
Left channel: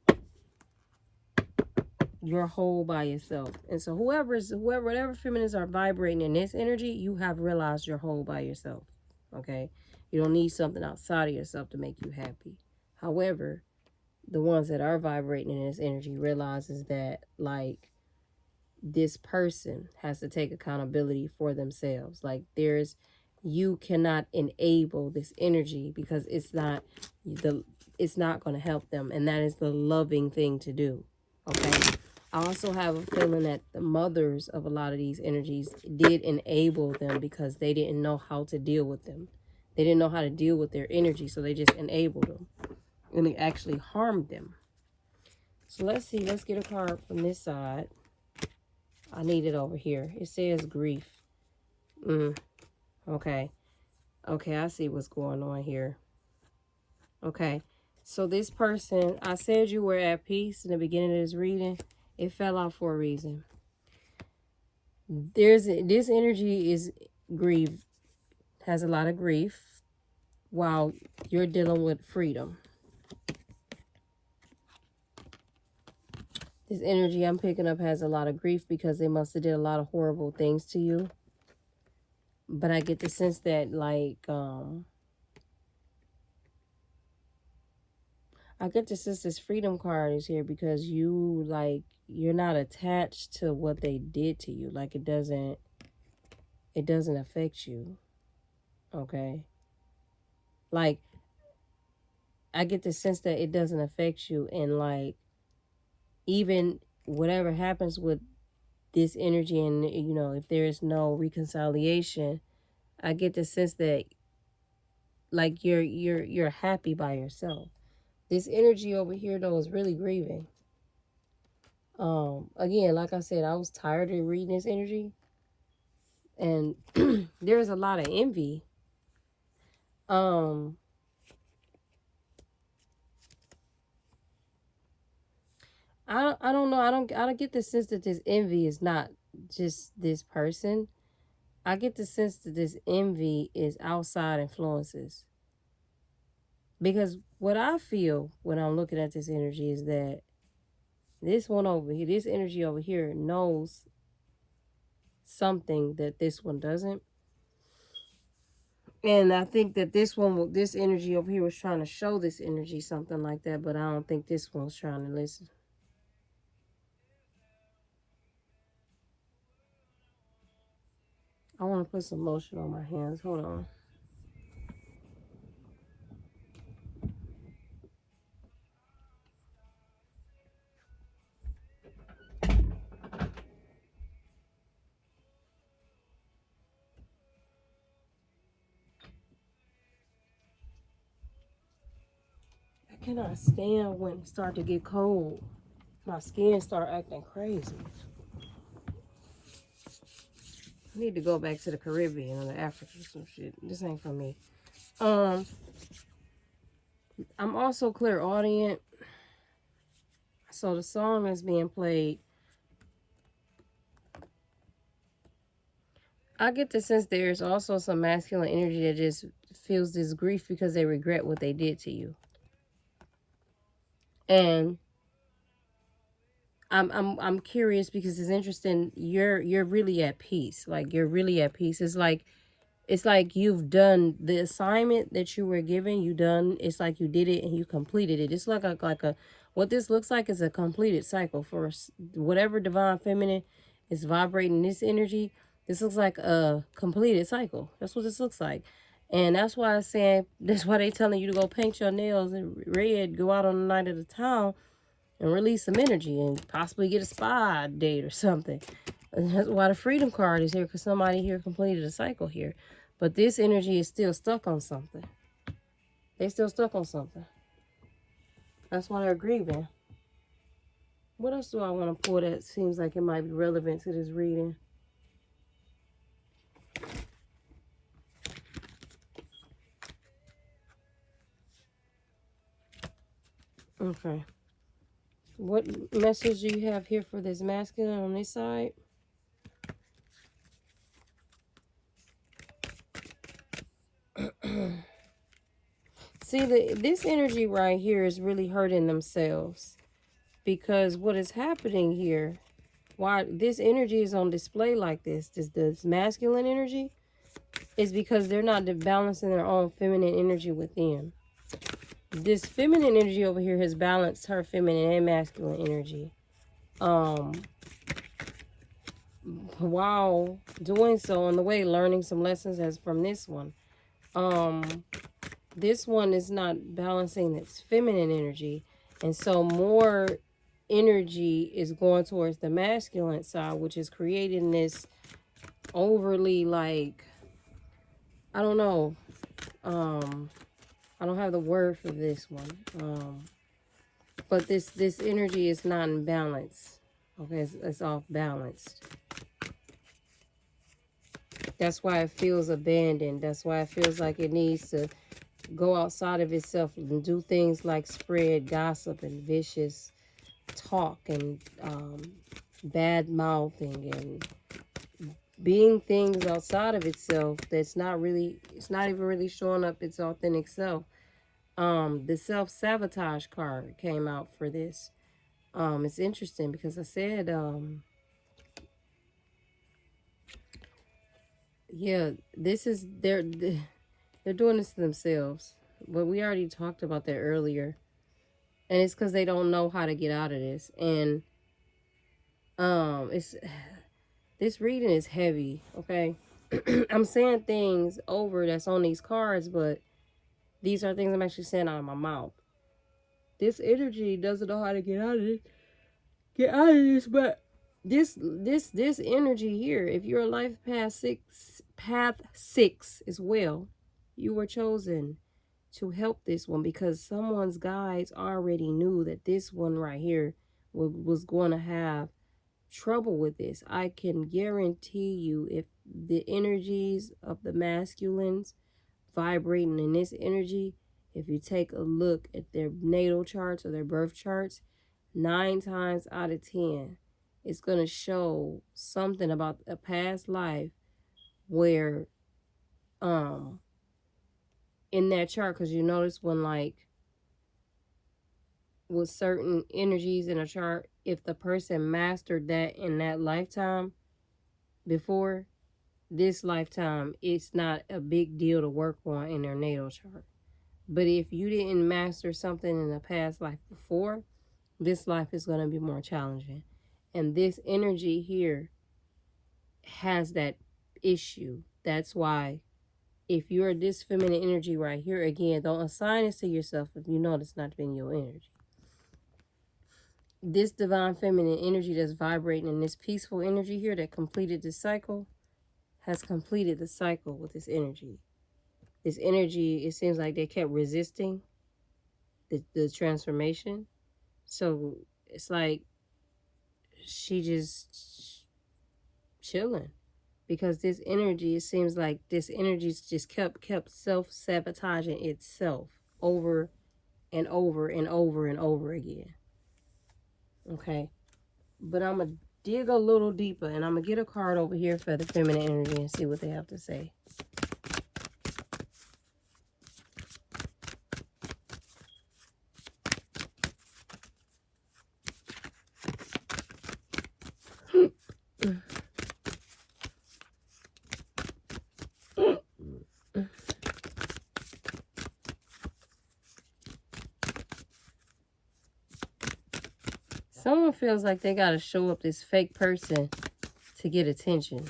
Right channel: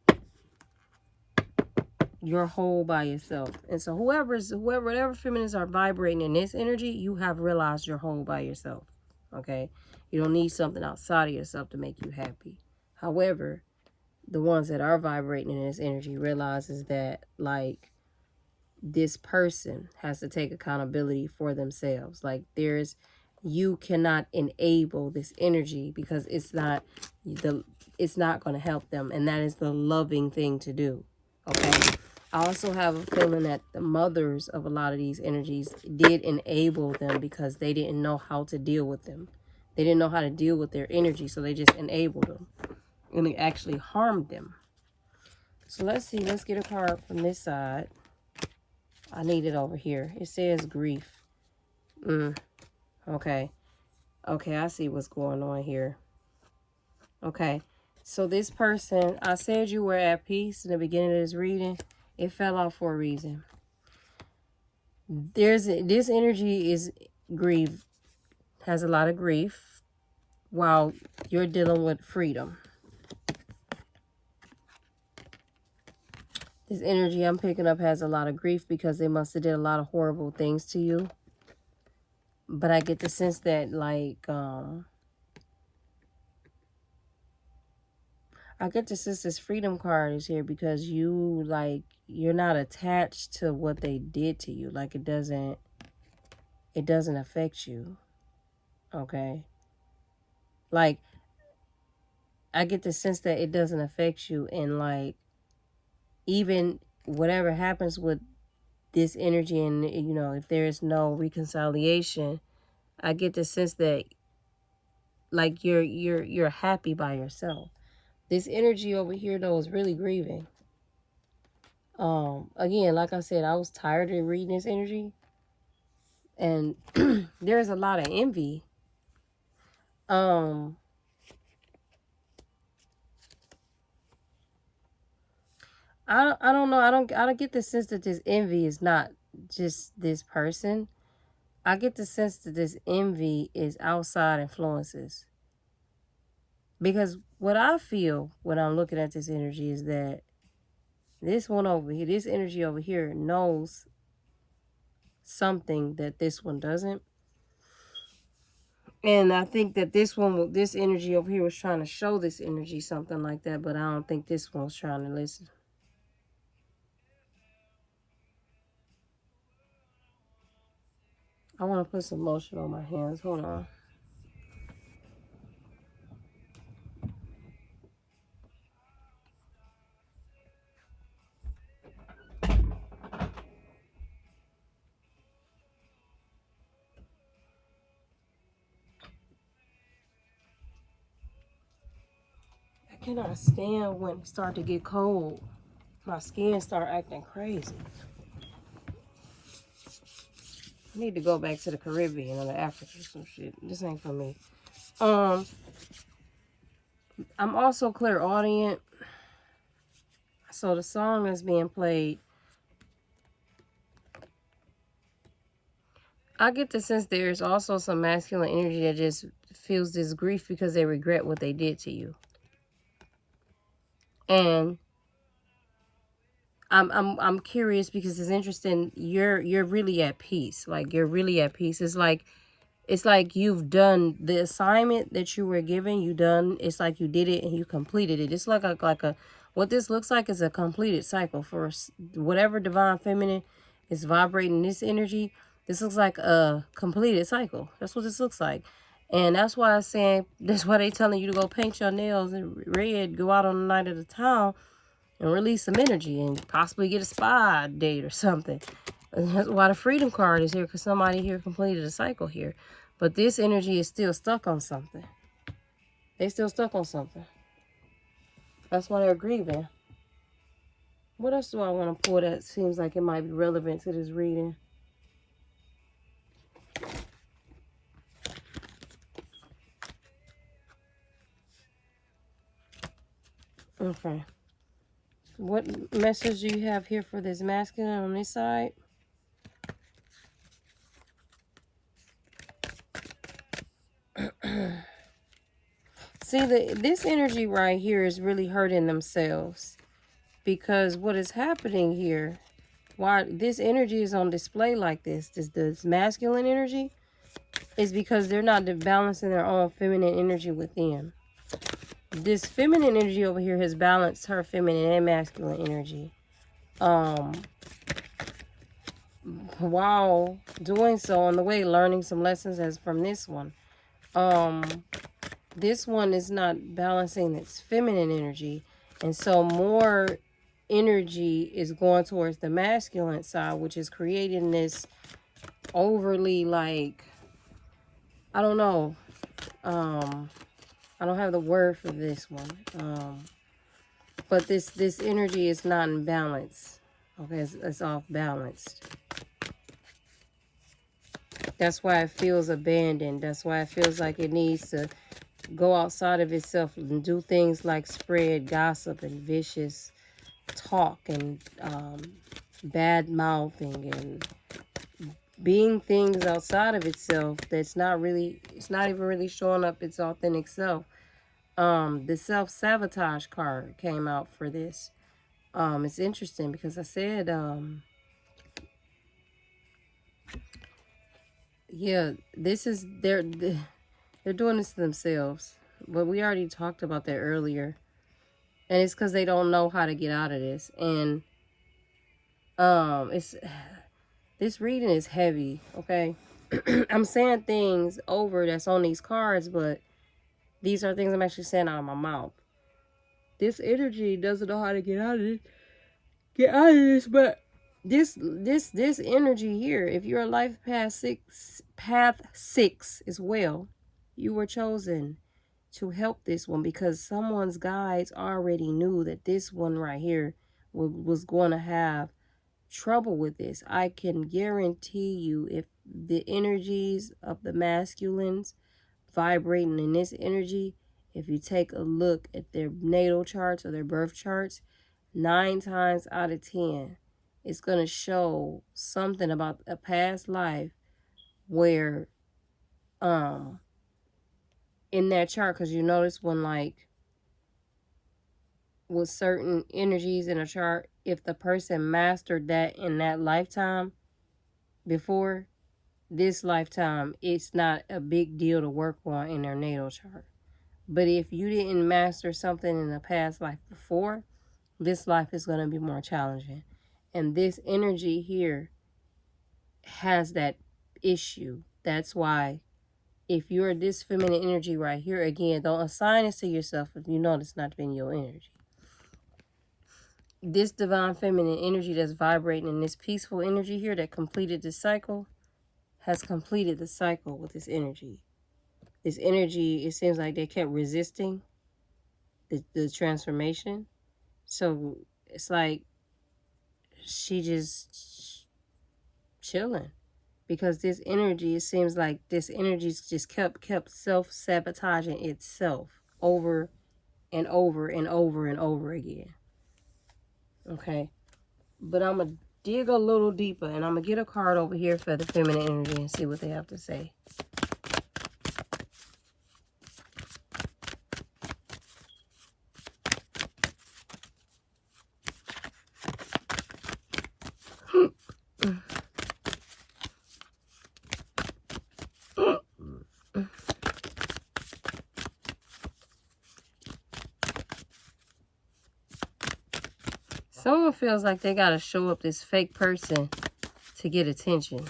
you're whole by yourself. And so whatever feminists are vibrating in this energy, you have realized you're whole by yourself. Okay? You don't need something outside of yourself to make you happy. However, the ones that are vibrating in this energy realizes that, like, this person has to take accountability for themselves. Like, you cannot enable this energy because it's not going to help them, and that is the loving thing to do. Okay, I also have a feeling that the mothers of a lot of these energies did enable them because they didn't know how to deal with them. They didn't know how to deal with their energy, so they just enabled them, and it actually harmed them. So let's see. Let's get a card from this side. I need it over here. It says grief. Okay. Okay, I see what's going on here. Okay. So this person, I said you were at peace in the beginning of this reading. It fell off for a reason. This energy is grief, has a lot of grief, while you're dealing with freedom. This energy I'm picking up has a lot of grief because they must have did a lot of horrible things to you. But I get the sense that, like, I get the sense this freedom card is here because you, like, you're not attached to what they did to you. Like, it doesn't affect you. Okay? Like, I get the sense that it doesn't affect you, and, like, even whatever happens with this energy, and, you know, if there is no reconciliation, I get the sense that, like, you're happy by yourself. This energy over here, though, is really grieving. Again, like I said, I was tired of reading this energy, and there's a lot of envy. I don't know. I don't get the sense that this envy is not just this person. I get the sense that this envy is outside influences. Because what I feel when I'm looking at this energy is that this one over here, this energy over here knows something that this one doesn't. And I think that this energy over here was trying to show this energy something like that, but I don't think this one's trying to listen. I want to put some lotion on my hands. Hold on. I cannot stand when it starts to get cold. My skin start acting crazy. I need to go back to the Caribbean or the Africa or some shit. This ain't for me. I'm also clairaudient. So the song that's being played, I get the sense there's also some masculine energy that just feels this grief because they regret what they did to you. And I'm curious because it's interesting. You're really at peace. Like, you're really at peace. It's like you've done the assignment that you were given. You done. It's like you did it and you completed it. It's like a what this looks like is a completed cycle for whatever divine feminine is vibrating this energy. This looks like a completed cycle. That's what this looks like. And that's why I'm saying, that's why they telling you to go paint your nails in red, go out on the night of the town and release some energy and possibly get a spa date or something. And that's why the freedom card is here, because somebody here completed a cycle here. But this energy is still stuck on something. They still stuck on something. That's why they're grieving. What else do I want to pull that seems like it might be relevant to this reading? Okay. What message do you have here for this masculine on this side? See, this energy right here is really hurting themselves. Because what is happening here, why this energy is on display like this masculine energy, is because they're not balancing their own feminine energy within. This feminine energy over here has balanced her feminine and masculine energy. While doing so, on the way, learning some lessons as from this one. This one is not balancing its feminine energy, and so more energy is going towards the masculine side, which is creating this overly, like, I don't know, I don't have the word for this one, but this energy is not in balance. Okay, it's off balanced. That's why it feels abandoned. That's why it feels like it needs to go outside of itself and do things like spread gossip and vicious talk and bad mouthing and being things outside of itself that's not really, it's not even really showing up its authentic self. The self-sabotage card came out for this. It's interesting because I said, yeah, this is, they're doing this to themselves. But we already talked about that earlier. And it's because they don't know how to get out of this. And it's this reading is heavy, okay? I'm saying things over that's on these cards, but these are things I'm actually saying out of my mouth. This energy doesn't know how to get out of it. Get out of this, but this energy here, if you're life path six as well, you were chosen to help this one because someone's guides already knew that this one right here was going to have trouble with this. I can guarantee you, if the energies of the masculines vibrating in this energy, if you take a look at their natal charts or their birth charts, 9 times out of 10, it's going to show something about a past life where, in that chart, because you notice when, like, with certain energies in a chart, if the person mastered that in that lifetime before this lifetime, it's not a big deal to work on in their natal chart. But if you didn't master something in the past life before, this life is going to be more challenging. And this energy here has that issue. That's why if you're this feminine energy right here, again, don't assign this to yourself if you know it's not been your energy. This divine feminine energy that's vibrating in this peaceful energy here that completed this cycle has completed the cycle with this energy. This energy, it seems like they kept resisting the transformation. So it's like she just chilling. Because this energy, it seems like this energy just kept self-sabotaging itself over and over and over and over again. Okay? But I'm going to dig a little deeper, and I'm going to get a card over here for the feminine energy and see what they have to say. Someone feels like they got to show up this fake person to get attention.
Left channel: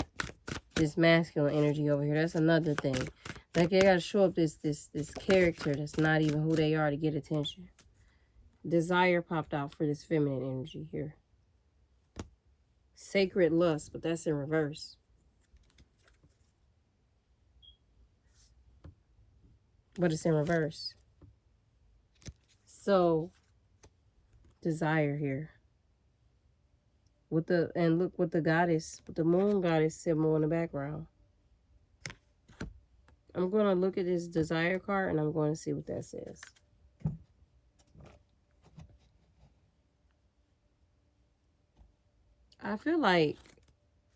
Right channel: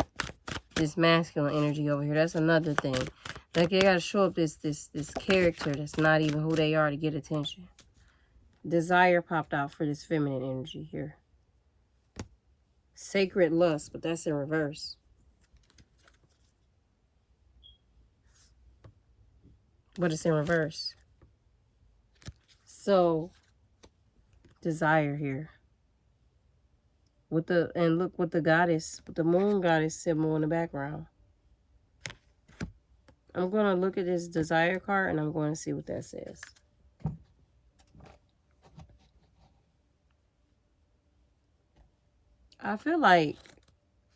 This masculine energy over here. That's another thing. Like they got to show up this character that's not even who they are to get attention. Desire popped out for this feminine energy here. Sacred lust, but that's in reverse. But it's in reverse. So, desire here. And look what the goddess, with the moon goddess symbol in the background. I'm going to look at this desire card and I'm going to see what that says. I feel like,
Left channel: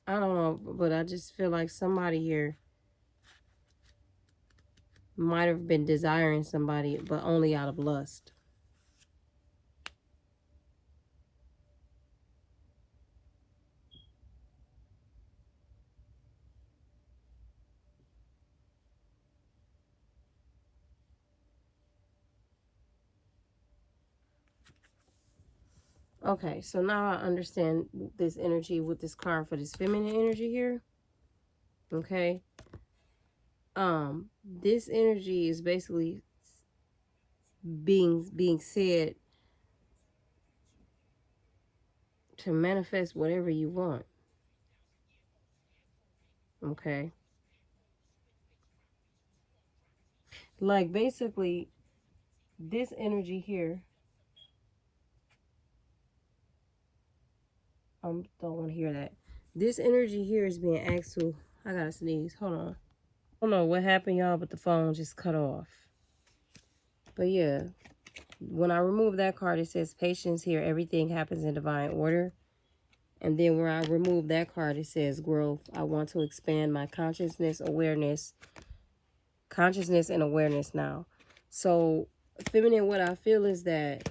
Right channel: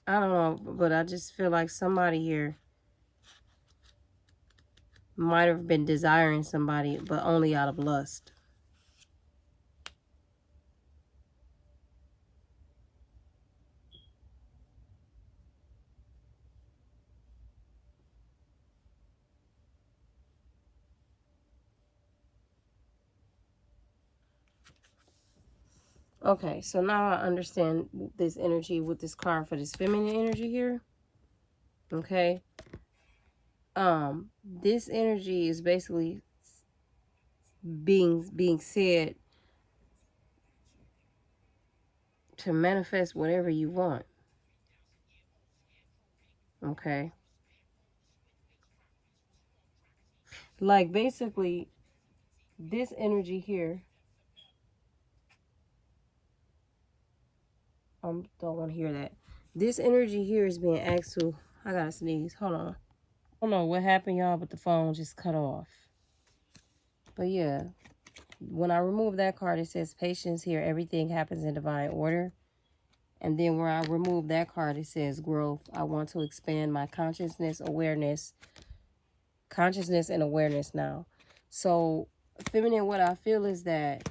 I don't know, but I just feel like somebody here might have been desiring somebody, but only out of lust. Okay, so now I understand this energy with this card for this feminine energy here. Okay. This energy is basically being said to manifest whatever you want. Okay. Like basically this energy here, don't want to hear that. This energy here is being asked to, I gotta sneeze, hold on. I don't know what happened, y'all, but the phone just cut off. But yeah, when I remove that card, it says patience here, everything happens in divine order. And then where I remove that card, it says growth. I want to expand my consciousness and awareness now. So feminine, what I feel is that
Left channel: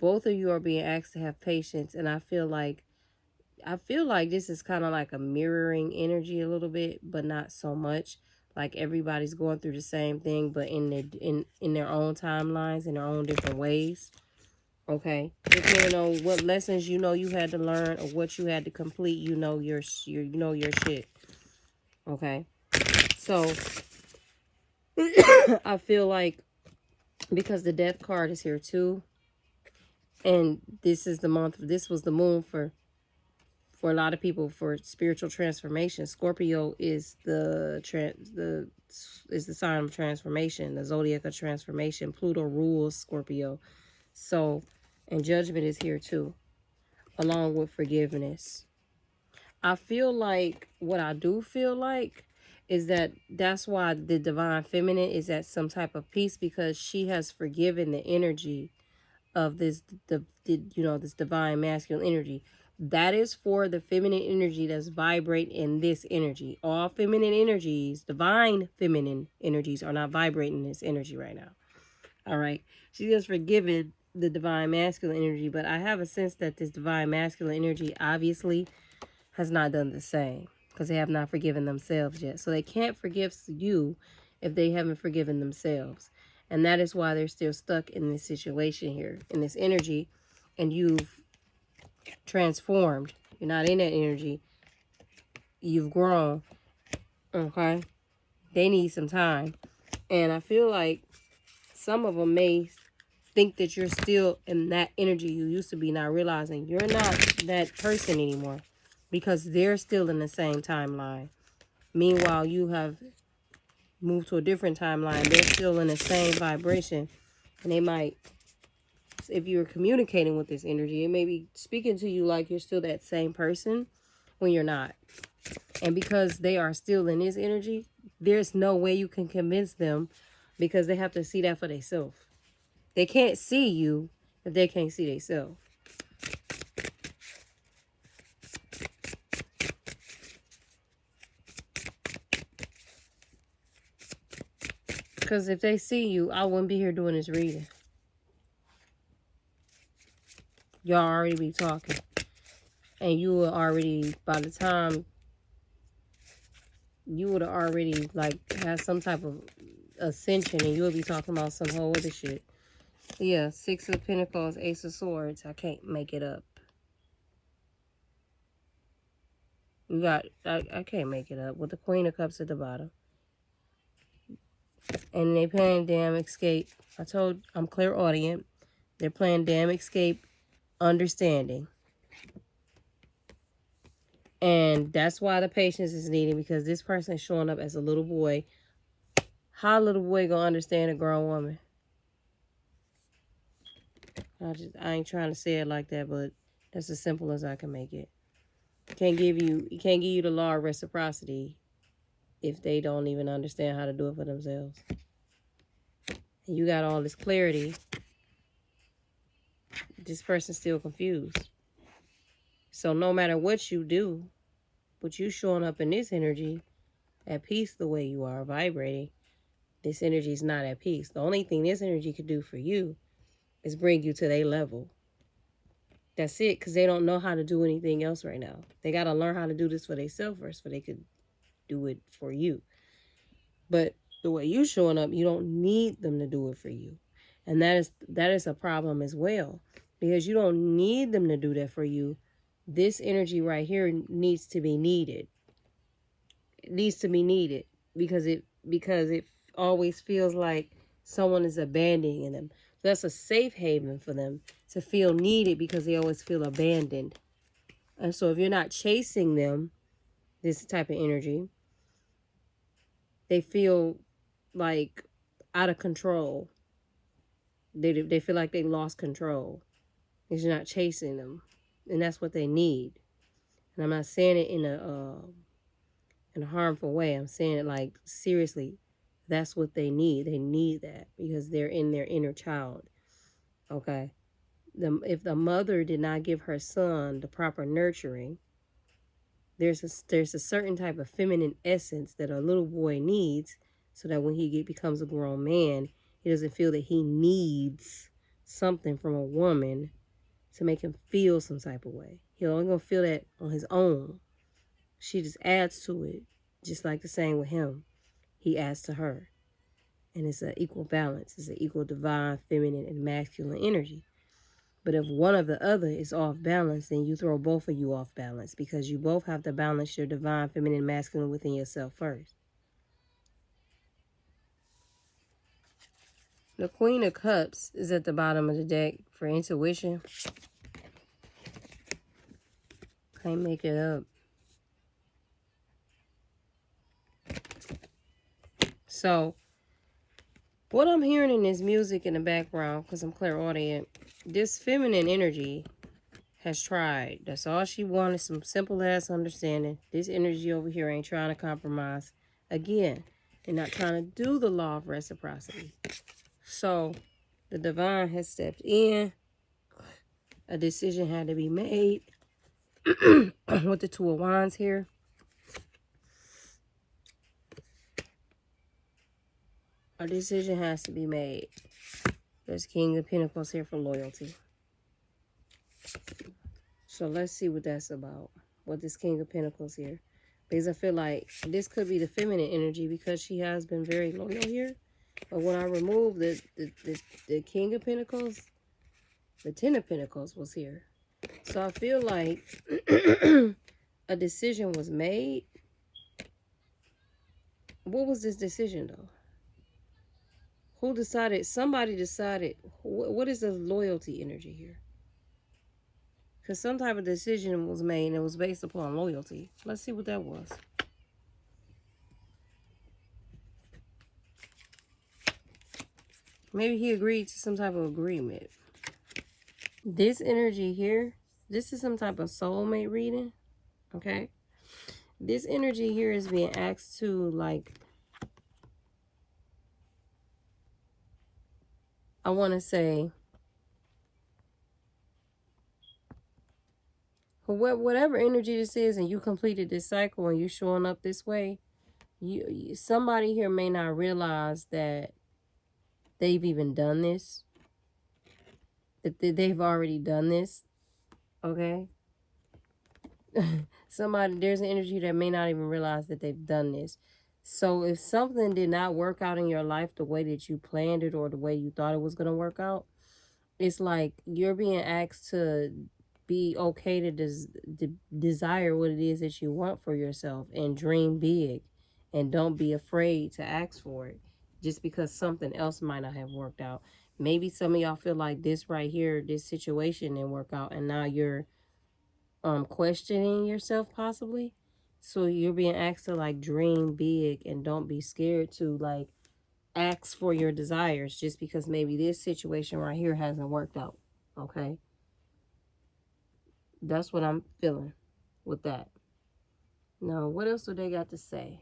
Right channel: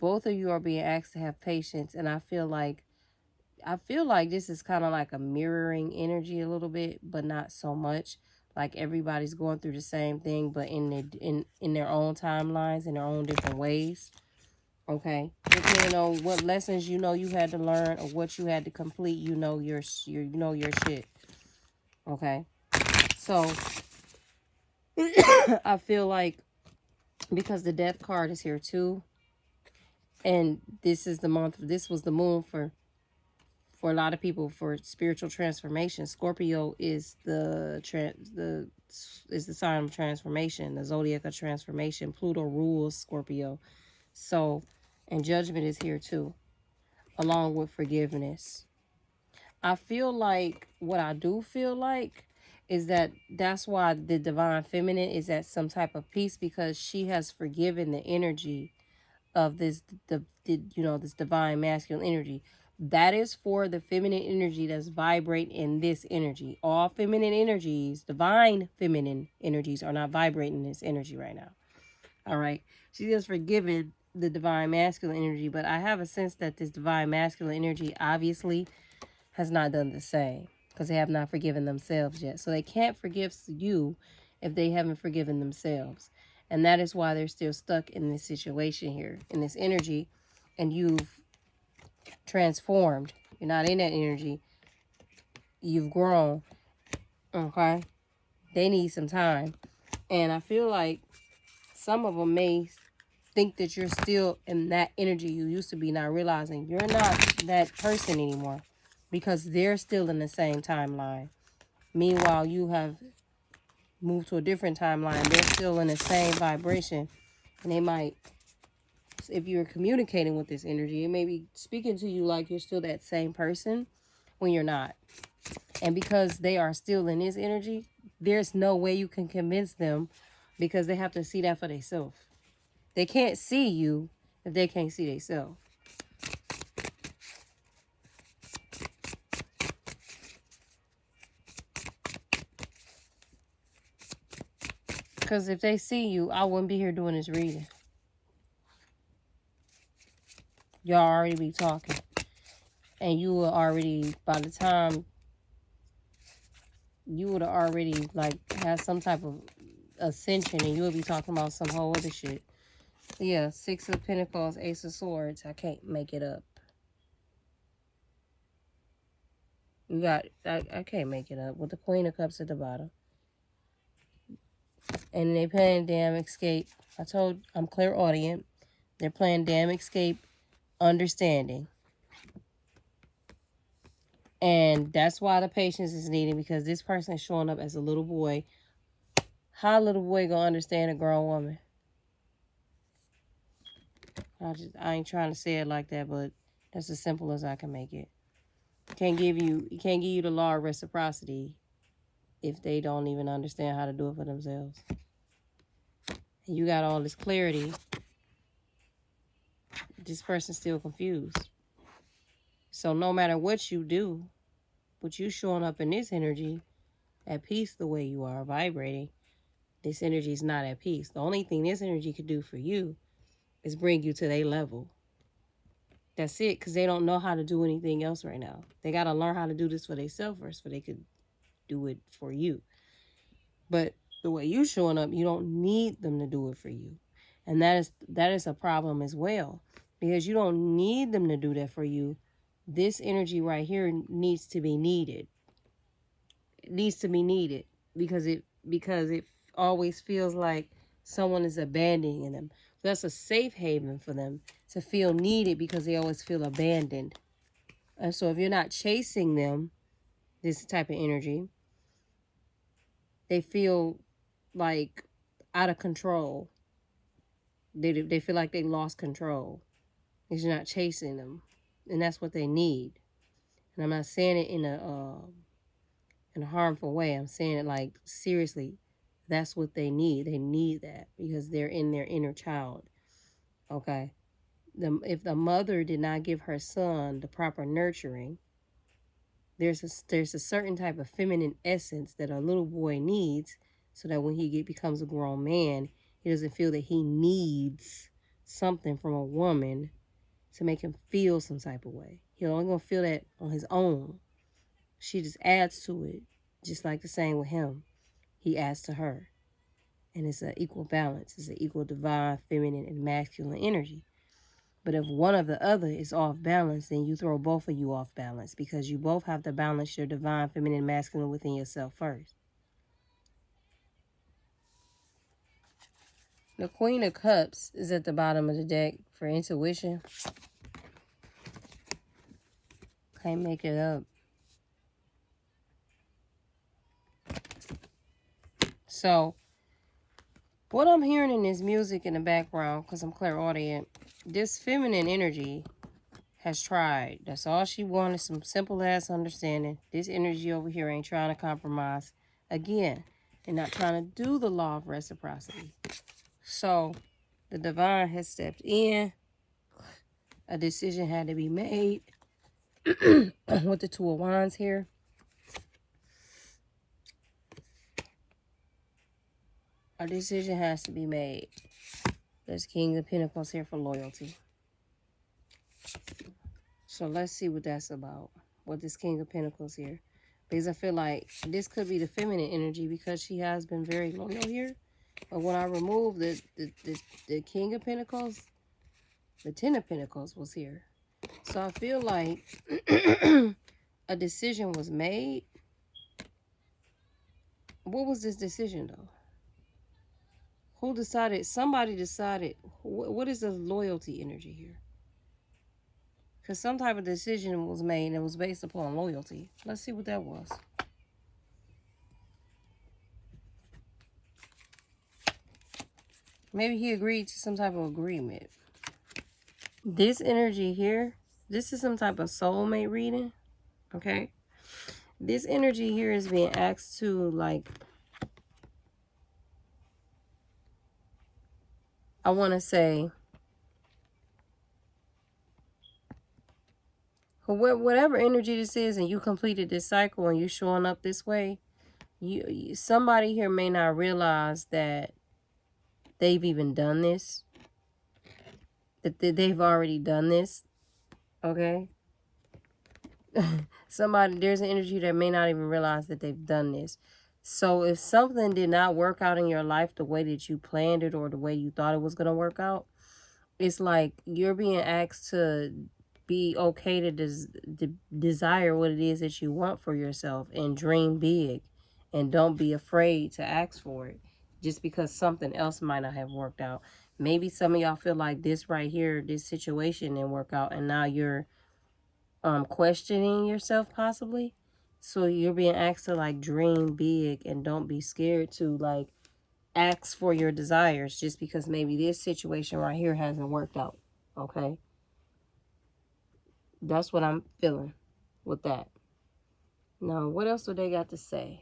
both of you are being asked to have patience, and I feel like this is kind of like a mirroring energy a little bit, but not so much. Like everybody's going through the same thing, but in their own timelines, in their own different ways. Okay, depending on what lessons you had to learn or what you had to complete, your shit. Okay, so I feel like because the death card is here too, and this was the moon for a lot of people for spiritual transformation. Scorpio is the sign of transformation, the zodiac of transformation. Pluto rules Scorpio. So, and judgment is here too, along with forgiveness. I feel like what I do feel like is that's why the divine feminine is at some type of peace, because she has forgiven the energy of this this divine masculine energy. That is for the feminine energy that's vibrating in this energy. All feminine energies, divine feminine energies, are not vibrating in this energy right now. All right. She has forgiven the divine masculine energy, but I have a sense that this divine masculine energy obviously has not done the same, because they have not forgiven themselves yet. So they can't forgive you if they haven't forgiven themselves. And that is why they're still stuck in this situation here, in this energy, and you've transformed. You're not in that energy. You've grown. Okay? They need some time. And I feel like some of them may think that you're still in that energy you used to be, not realizing you're not that person anymore, because they're still in the same timeline. Meanwhile, you have moved to a different timeline. They're still in the same vibration. And they might, if you're communicating with this energy, it may be speaking to you like you're still that same person when you're not. And because they are still in this energy, there's no way you can convince them, because they have to see that for themselves. They can't see you if they can't see themselves. Because if they see you, I wouldn't be here doing this reading. Y'all already be talking. And you will already, by the time, you would have already, like, had some type of ascension, and you would be talking about some whole other shit. Yeah, Six of Pentacles, Ace of Swords. I can't make it up. You got, I can't make it up. With the Queen of Cups at the bottom. And they playing Damn Escape. I'm clairaudient. They're playing Damn Escape, Understanding. And that's why the patience is needed, because this person is showing up as a little boy. How a little boy gonna understand a grown woman? I ain't trying to say it like that, but that's as simple as I can make it. Can't give you the law of reciprocity if they don't even understand how to do it for themselves. And you got all this clarity. This person's still confused. So no matter what you do, but you showing up in this energy at peace the way you are vibrating, this energy is not at peace. The only thing this energy could do for you is bring you to their level. That's it, because they don't know how to do anything else right now. They got to learn how to do this for themselves first, so they could do it for you. But the way you showing up, you don't need them to do it for you. And that is a problem as well, because you don't need them to do that for you. This energy right here needs to be needed. It needs to be needed because it always feels like someone is abandoning them. So that's a safe haven for them to feel needed, because they always feel abandoned. And so if you're not chasing them, this type of energy, they feel like out of control. They feel like they lost control because you're not chasing them. And that's what they need. And I'm not saying it in a harmful way. I'm saying it like, seriously, that's what they need. They need that because they're in their inner child. Okay? If the mother did not give her son the proper nurturing, there's a certain type of feminine essence that a little boy needs, so that when he becomes a grown man, he doesn't feel that he needs something from a woman to make him feel some type of way. He's only going to feel that on his own. She just adds to it, just like the same with him. He adds to her. And it's an equal balance. It's an equal divine, feminine, and masculine energy. But if one of the other is off balance, then you throw both of you off balance, because you both have to balance your divine, feminine, masculine within yourself first. The Queen of Cups is at the bottom of the deck for intuition. Can't make it up. So, what I'm hearing in this music in the background, because I'm clairaudient, this feminine energy has tried. That's all she wanted, some simple ass understanding. This energy over here ain't trying to compromise. Again, they're not trying to do the law of reciprocity. So, the divine has stepped in. A decision had to be made. With the Two of Wands here. A decision has to be made. There's King of Pentacles here for loyalty. So let's see what that's about. What this King of Pentacles here. Because I feel like this could be the feminine energy, because she has been very loyal here. But when I remove the King of Pentacles, the Ten of Pentacles was here. So I feel like a decision was made. What was this decision, though? Who decided? Somebody decided. What is the loyalty energy here? Because some type of decision was made and it was based upon loyalty. Let's see what that was. Maybe he agreed to some type of agreement. This energy here, this is some type of soulmate reading. Okay? This energy here is being asked to, like, I want to say, whatever energy this is, and you completed this cycle and you showing up this way, somebody here may not realize that they've even done this. That they've already done this. Okay? There's an energy that may not even realize that they've done this. So if something did not work out in your life the way that you planned it or the way you thought it was going to work out, it's like you're being asked to be okay to desire what it is that you want for yourself and dream big, and don't be afraid to ask for it just because something else might not have worked out. Maybe some of y'all feel like this right here, this situation didn't work out, and now you're questioning yourself possibly. So you're being asked to, like, dream big and don't be scared to, like, ask for your desires just because maybe this situation right here hasn't worked out. Okay? That's what I'm feeling with that. Now, what else do they got to say?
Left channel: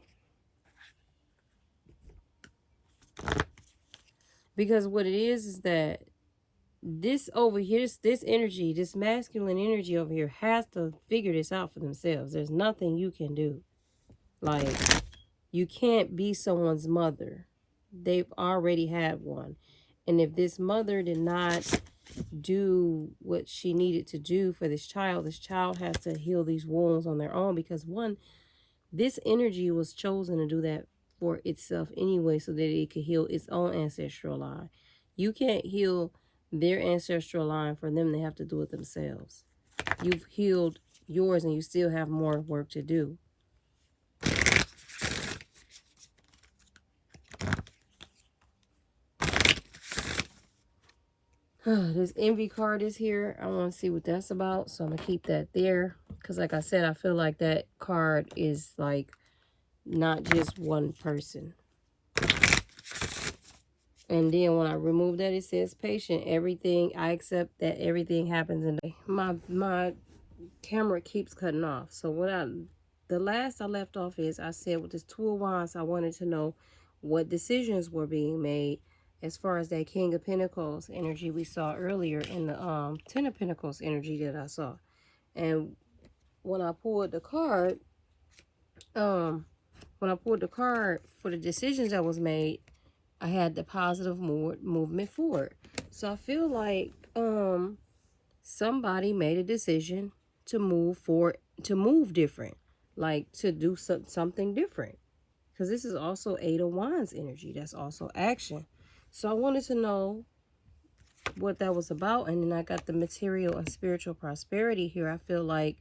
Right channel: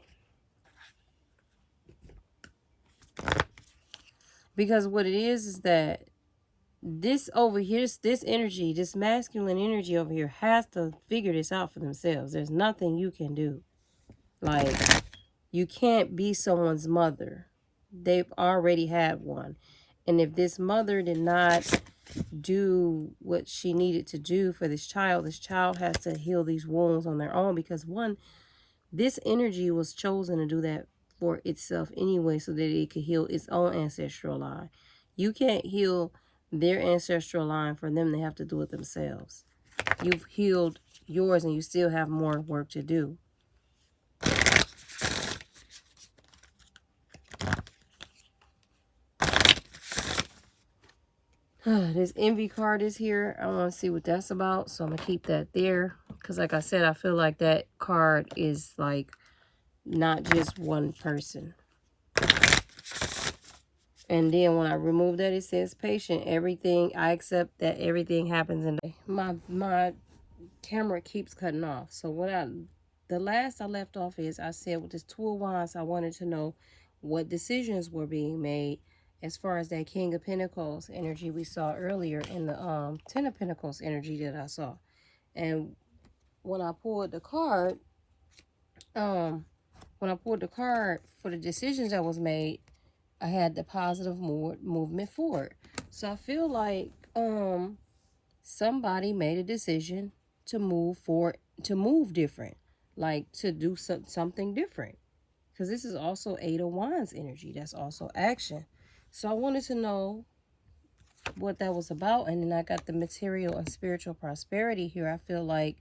Because what it is that this over here, this energy, this masculine energy over here has to figure this out for themselves. There's nothing you can do. Like, you can't be someone's mother. They've already had one. And if this mother did not do what she needed to do for this child has to heal these wounds on their own, because one, this energy was chosen to do that for itself anyway, so that it could heal its own ancestral line. You can't heal their ancestral line for them. They have to do it themselves. You've healed yours and you still have more work to do. This envy card is here. I want to see what that's about, so I'm going to keep that there. Because like I said, I feel like that card is like not just one person. And then when I remove that, it says patient. Everything, I accept that everything happens in my camera keeps cutting off. So the last I left off is I said with this Two of Wands, I wanted to know what decisions were being made as far as that King of Pentacles energy we saw earlier in the Ten of Pentacles energy that I saw. And when I pulled the card, for the decisions that was made, I had the positive movement forward. So I feel like somebody made a decision to move different, like to do something different. Because this is also Eight of Wands energy. That's also action. So I wanted to know what that was about. And then I got the material and spiritual prosperity here. I feel like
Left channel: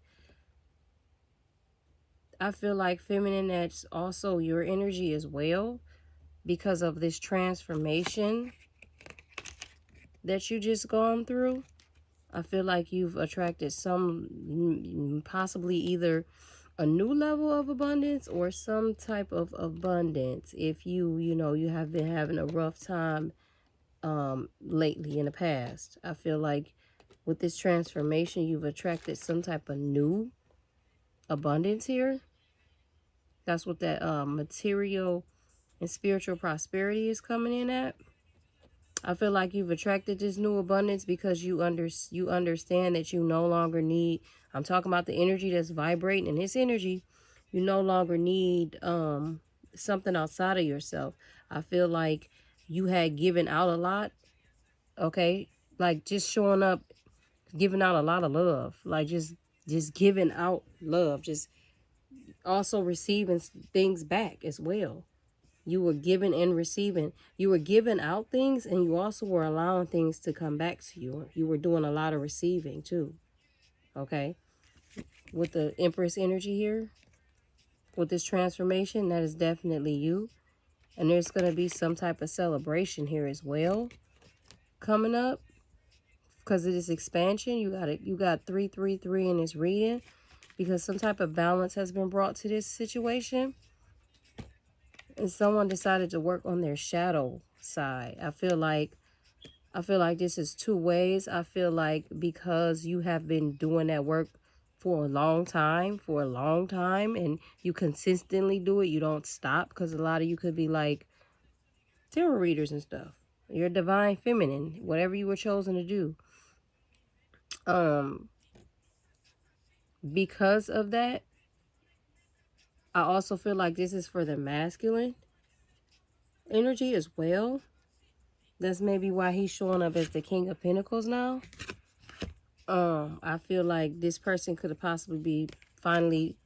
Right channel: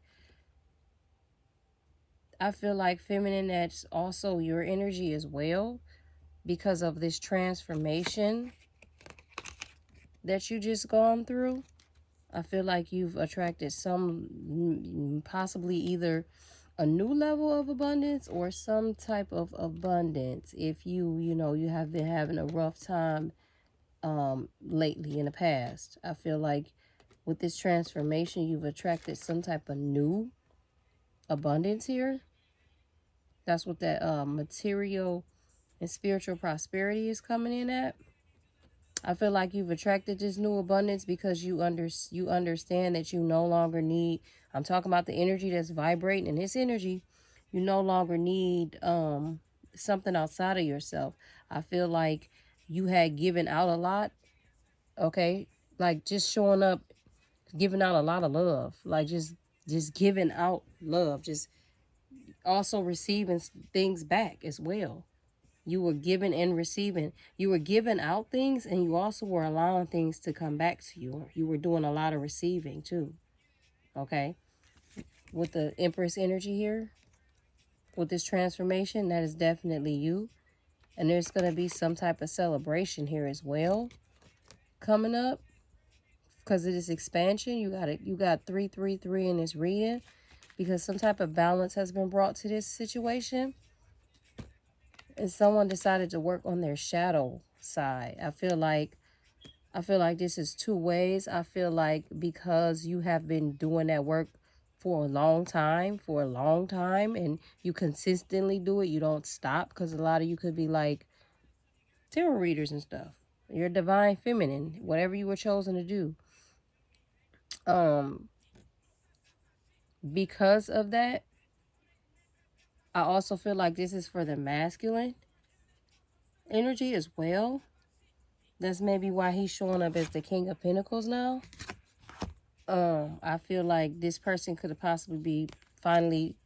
feminine, that's also your energy as well, because of this transformation that you just gone through. I feel like you've attracted some, possibly either a new level of abundance or some type of abundance. If you have been having a rough time lately in the past, I feel like with this transformation, you've attracted some type of new abundance here. That's what that material and spiritual prosperity is coming in at. I feel like you've attracted this new abundance because you understand that you no longer need, I'm talking about the energy that's vibrating in this energy, you no longer need something outside of yourself. I feel like you had given out a lot, okay? Like just showing up, giving out a lot of love, like just giving out love, just also receiving things back as well. You were giving and receiving. You were giving out things, and you also were allowing things to come back to you. You were doing a lot of receiving too. Okay? With the Empress energy here, with this transformation, that is definitely you. And there's going to be some type of celebration here as well coming up because of this expansion. You got 333 in this reading because some type of balance has been brought to this situation. And someone decided to work on their shadow side. I feel like this is two ways. I feel like because you have been doing that work for a long time, and you consistently do it, you don't stop, because a lot of you could be like tarot readers and stuff. You're divine feminine, whatever you were chosen to do. Because of that, I also feel like this is for the masculine energy as well. That's maybe why he's showing up as the King of Pentacles now. I feel like this person could have possibly be finally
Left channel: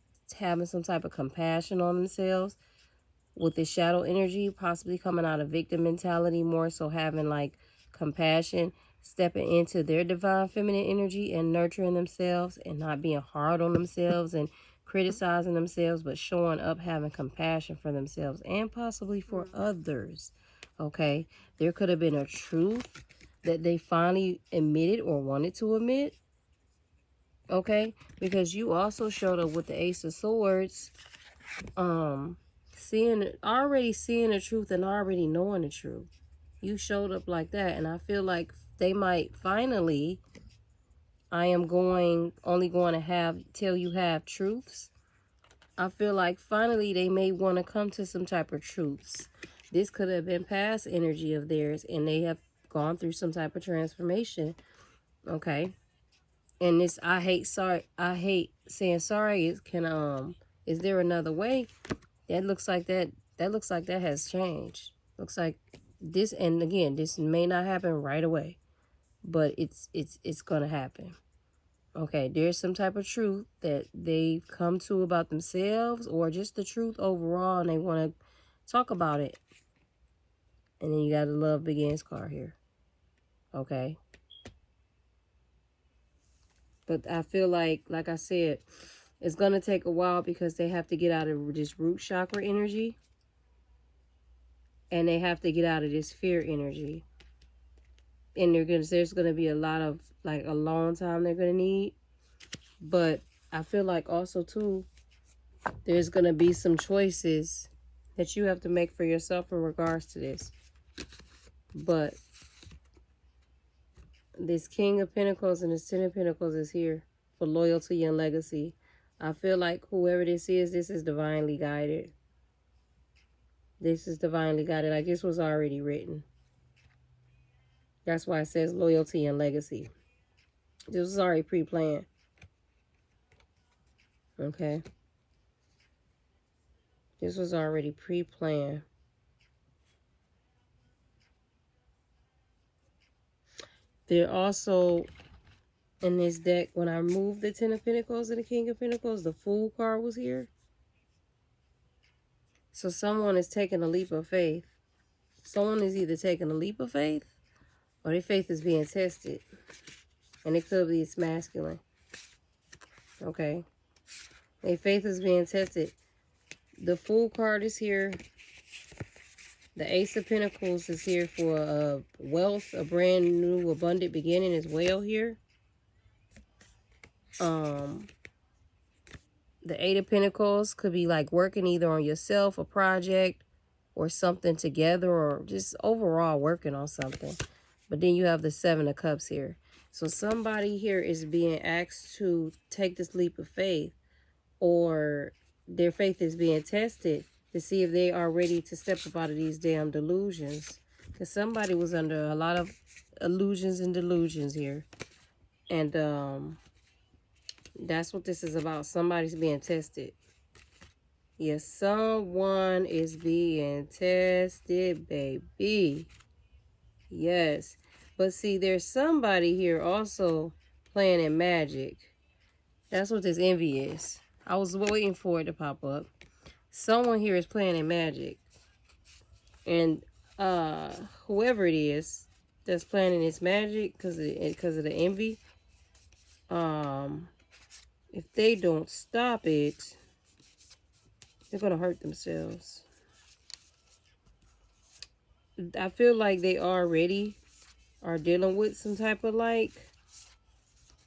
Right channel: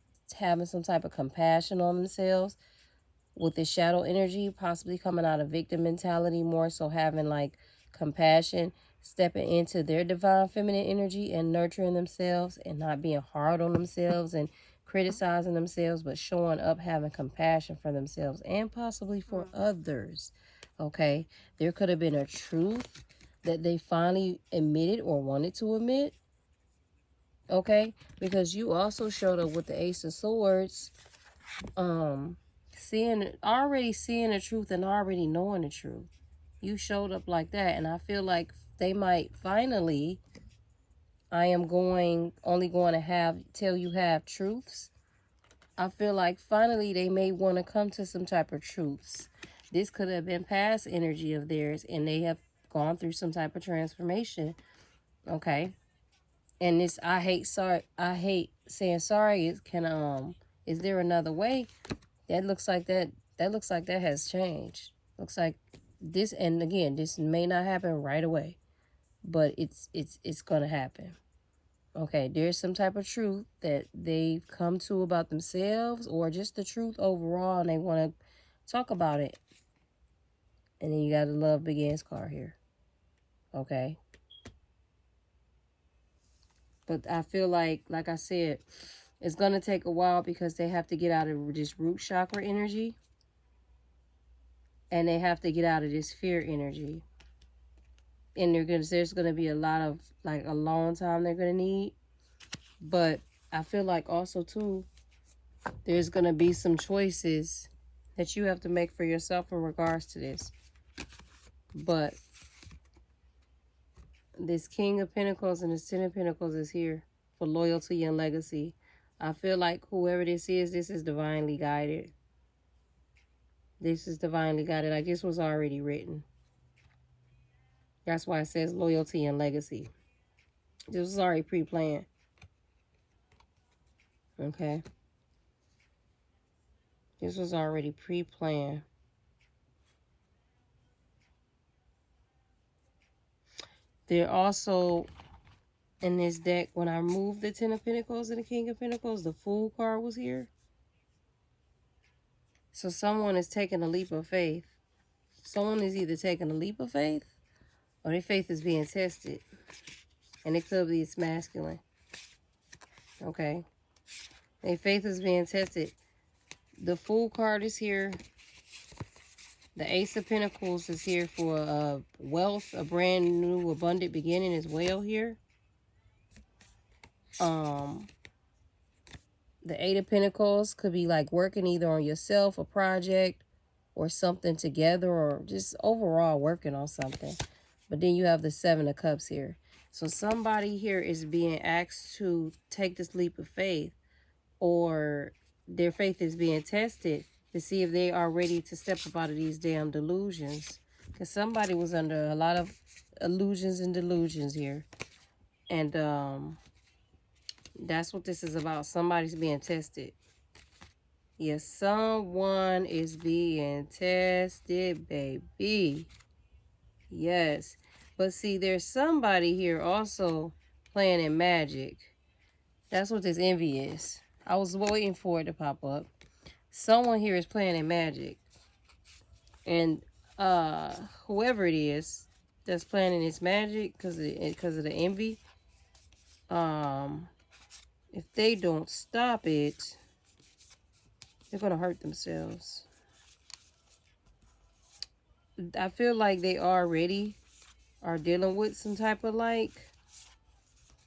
having some type of compassion on themselves with the shadow energy, possibly coming out of victim mentality, more so having like compassion, stepping into their divine feminine energy and nurturing themselves and not being hard on themselves and criticizing themselves, but showing up, having compassion for themselves and possibly for others. Okay, there could have been a truth that they finally admitted or wanted to admit. Okay, because you also showed up with the Ace of Swords, already seeing the truth and already knowing the truth. You showed up like that, and I feel like they might finally, I am only going to tell you half truths. I feel like finally they may want to come to some type of truths. This could have been past energy of theirs, and they have gone through some type of transformation. Okay. And this, I hate saying sorry. Is there another way? That looks like that has changed. Looks like this, and again, this may not happen right away, but it's gonna happen. Okay, there's some type of truth that they've come to about themselves, or just the truth overall, and they want to talk about it. And then you got the Love Begins card here. Okay. But I feel like I said, it's going to take a while because they have to get out of this root chakra energy. And they have to get out of this fear energy. And there's going to be a lot of, like, a long time they're going to need. But I feel like also, too, there's going to be some choices that you have to make for yourself in regards to this. But this King of Pentacles and this Ten of Pentacles is here for loyalty and legacy. I feel like whoever this is divinely guided. This is divinely guided. Like this was already written. That's why it says loyalty and legacy. This was already pre-planned. Okay. This was already pre-planned. They're also in this deck, when I moved the Ten of Pentacles and the King of Pentacles, the Fool card was here. So someone is taking a leap of faith. Someone is either taking a leap of faith or their faith is being tested. And it could be it's masculine. Okay. Their faith is being tested. The Fool card is here. The Ace of Pentacles is here for wealth, a brand new abundant beginning as well here. The Eight of Pentacles could be like working either on yourself, a project, or something together, or just overall working on something. But then you have the Seven of Cups here. So somebody here is being asked to take this leap of faith, or their faith is being tested to see if they are ready to step up out of these damn delusions. Because somebody was under a lot of illusions and delusions here. And that's what this is about. Somebody's being tested. Yes, someone is being tested, baby. Yes. But see, there's somebody here also playing in magic. That's what this envy is. I was waiting for it to pop up. Someone here is playing in magic. And whoever it is that's playing in this magic because of the envy, if they don't stop it, they're going to hurt themselves. I feel like they already are dealing with some type of like,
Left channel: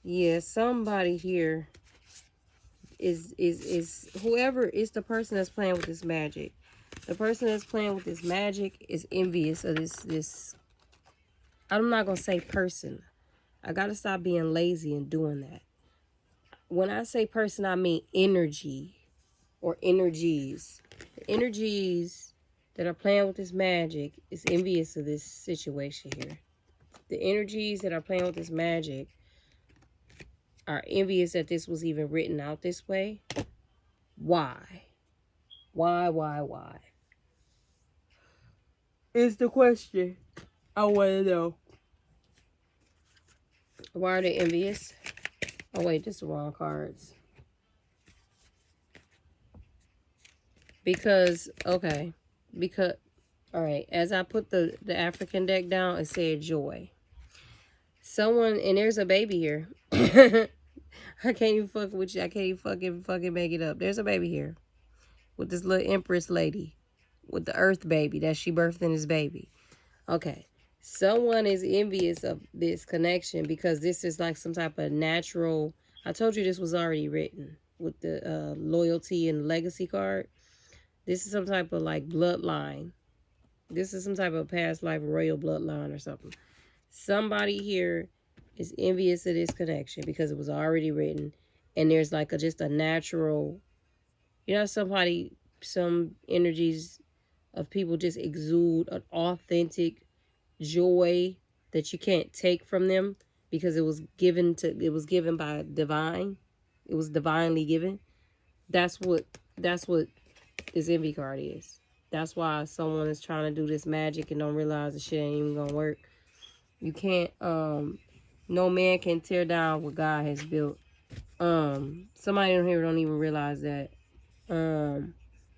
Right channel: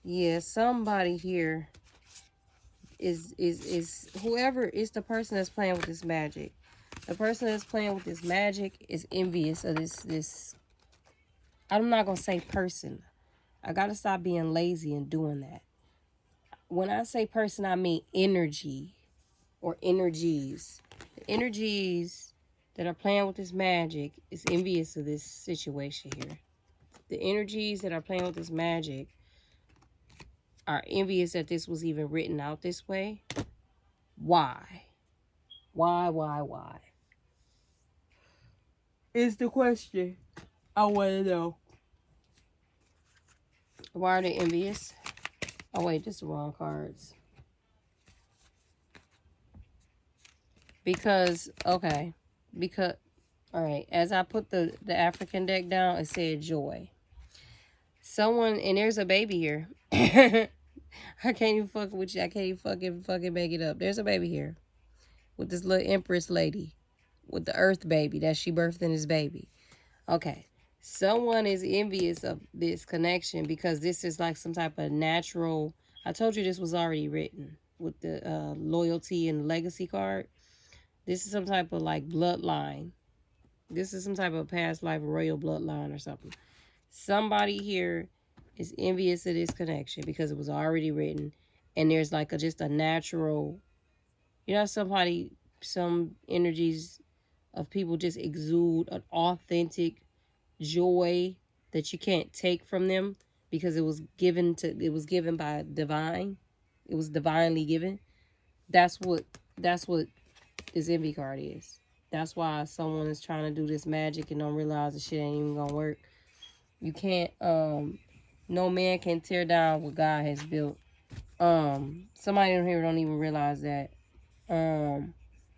yeah, somebody here is whoever is the person that's playing with this magic. The person that's playing with this magic is envious of this. I'm not going to say person. I got to stop being lazy and doing that. When I say person, I mean energy or energies. The energies that are playing with this magic is envious of this situation here. The energies that are playing with this magic are envious that this was even written out this way. Why? Why? Is the question I want to know. Why are they envious? Oh, wait, this is the wrong cards. Because, okay. Because, all right, as I put the African deck down, it said joy. Someone, and there's a baby here. I can't even fuck with you. I can't even fucking make it up. There's a baby here with this little empress lady with the earth baby that she birthed in his baby. Okay. Someone is envious of this connection because this is like some type of natural. I told you this was already written with the loyalty and legacy card. This is some type of like bloodline. This is some type of past life royal bloodline or something. Somebody here is envious of this connection because it was already written. And there's like just a natural, you know, some energies of people just exude an authentic joy that you can't take from them because it was given by divine. It was divinely given. That's what this envy card is. That's why someone is trying to do this magic and don't realize the shit ain't even gonna work. You can't no man can tear down what God has built. Somebody in here don't even realize that.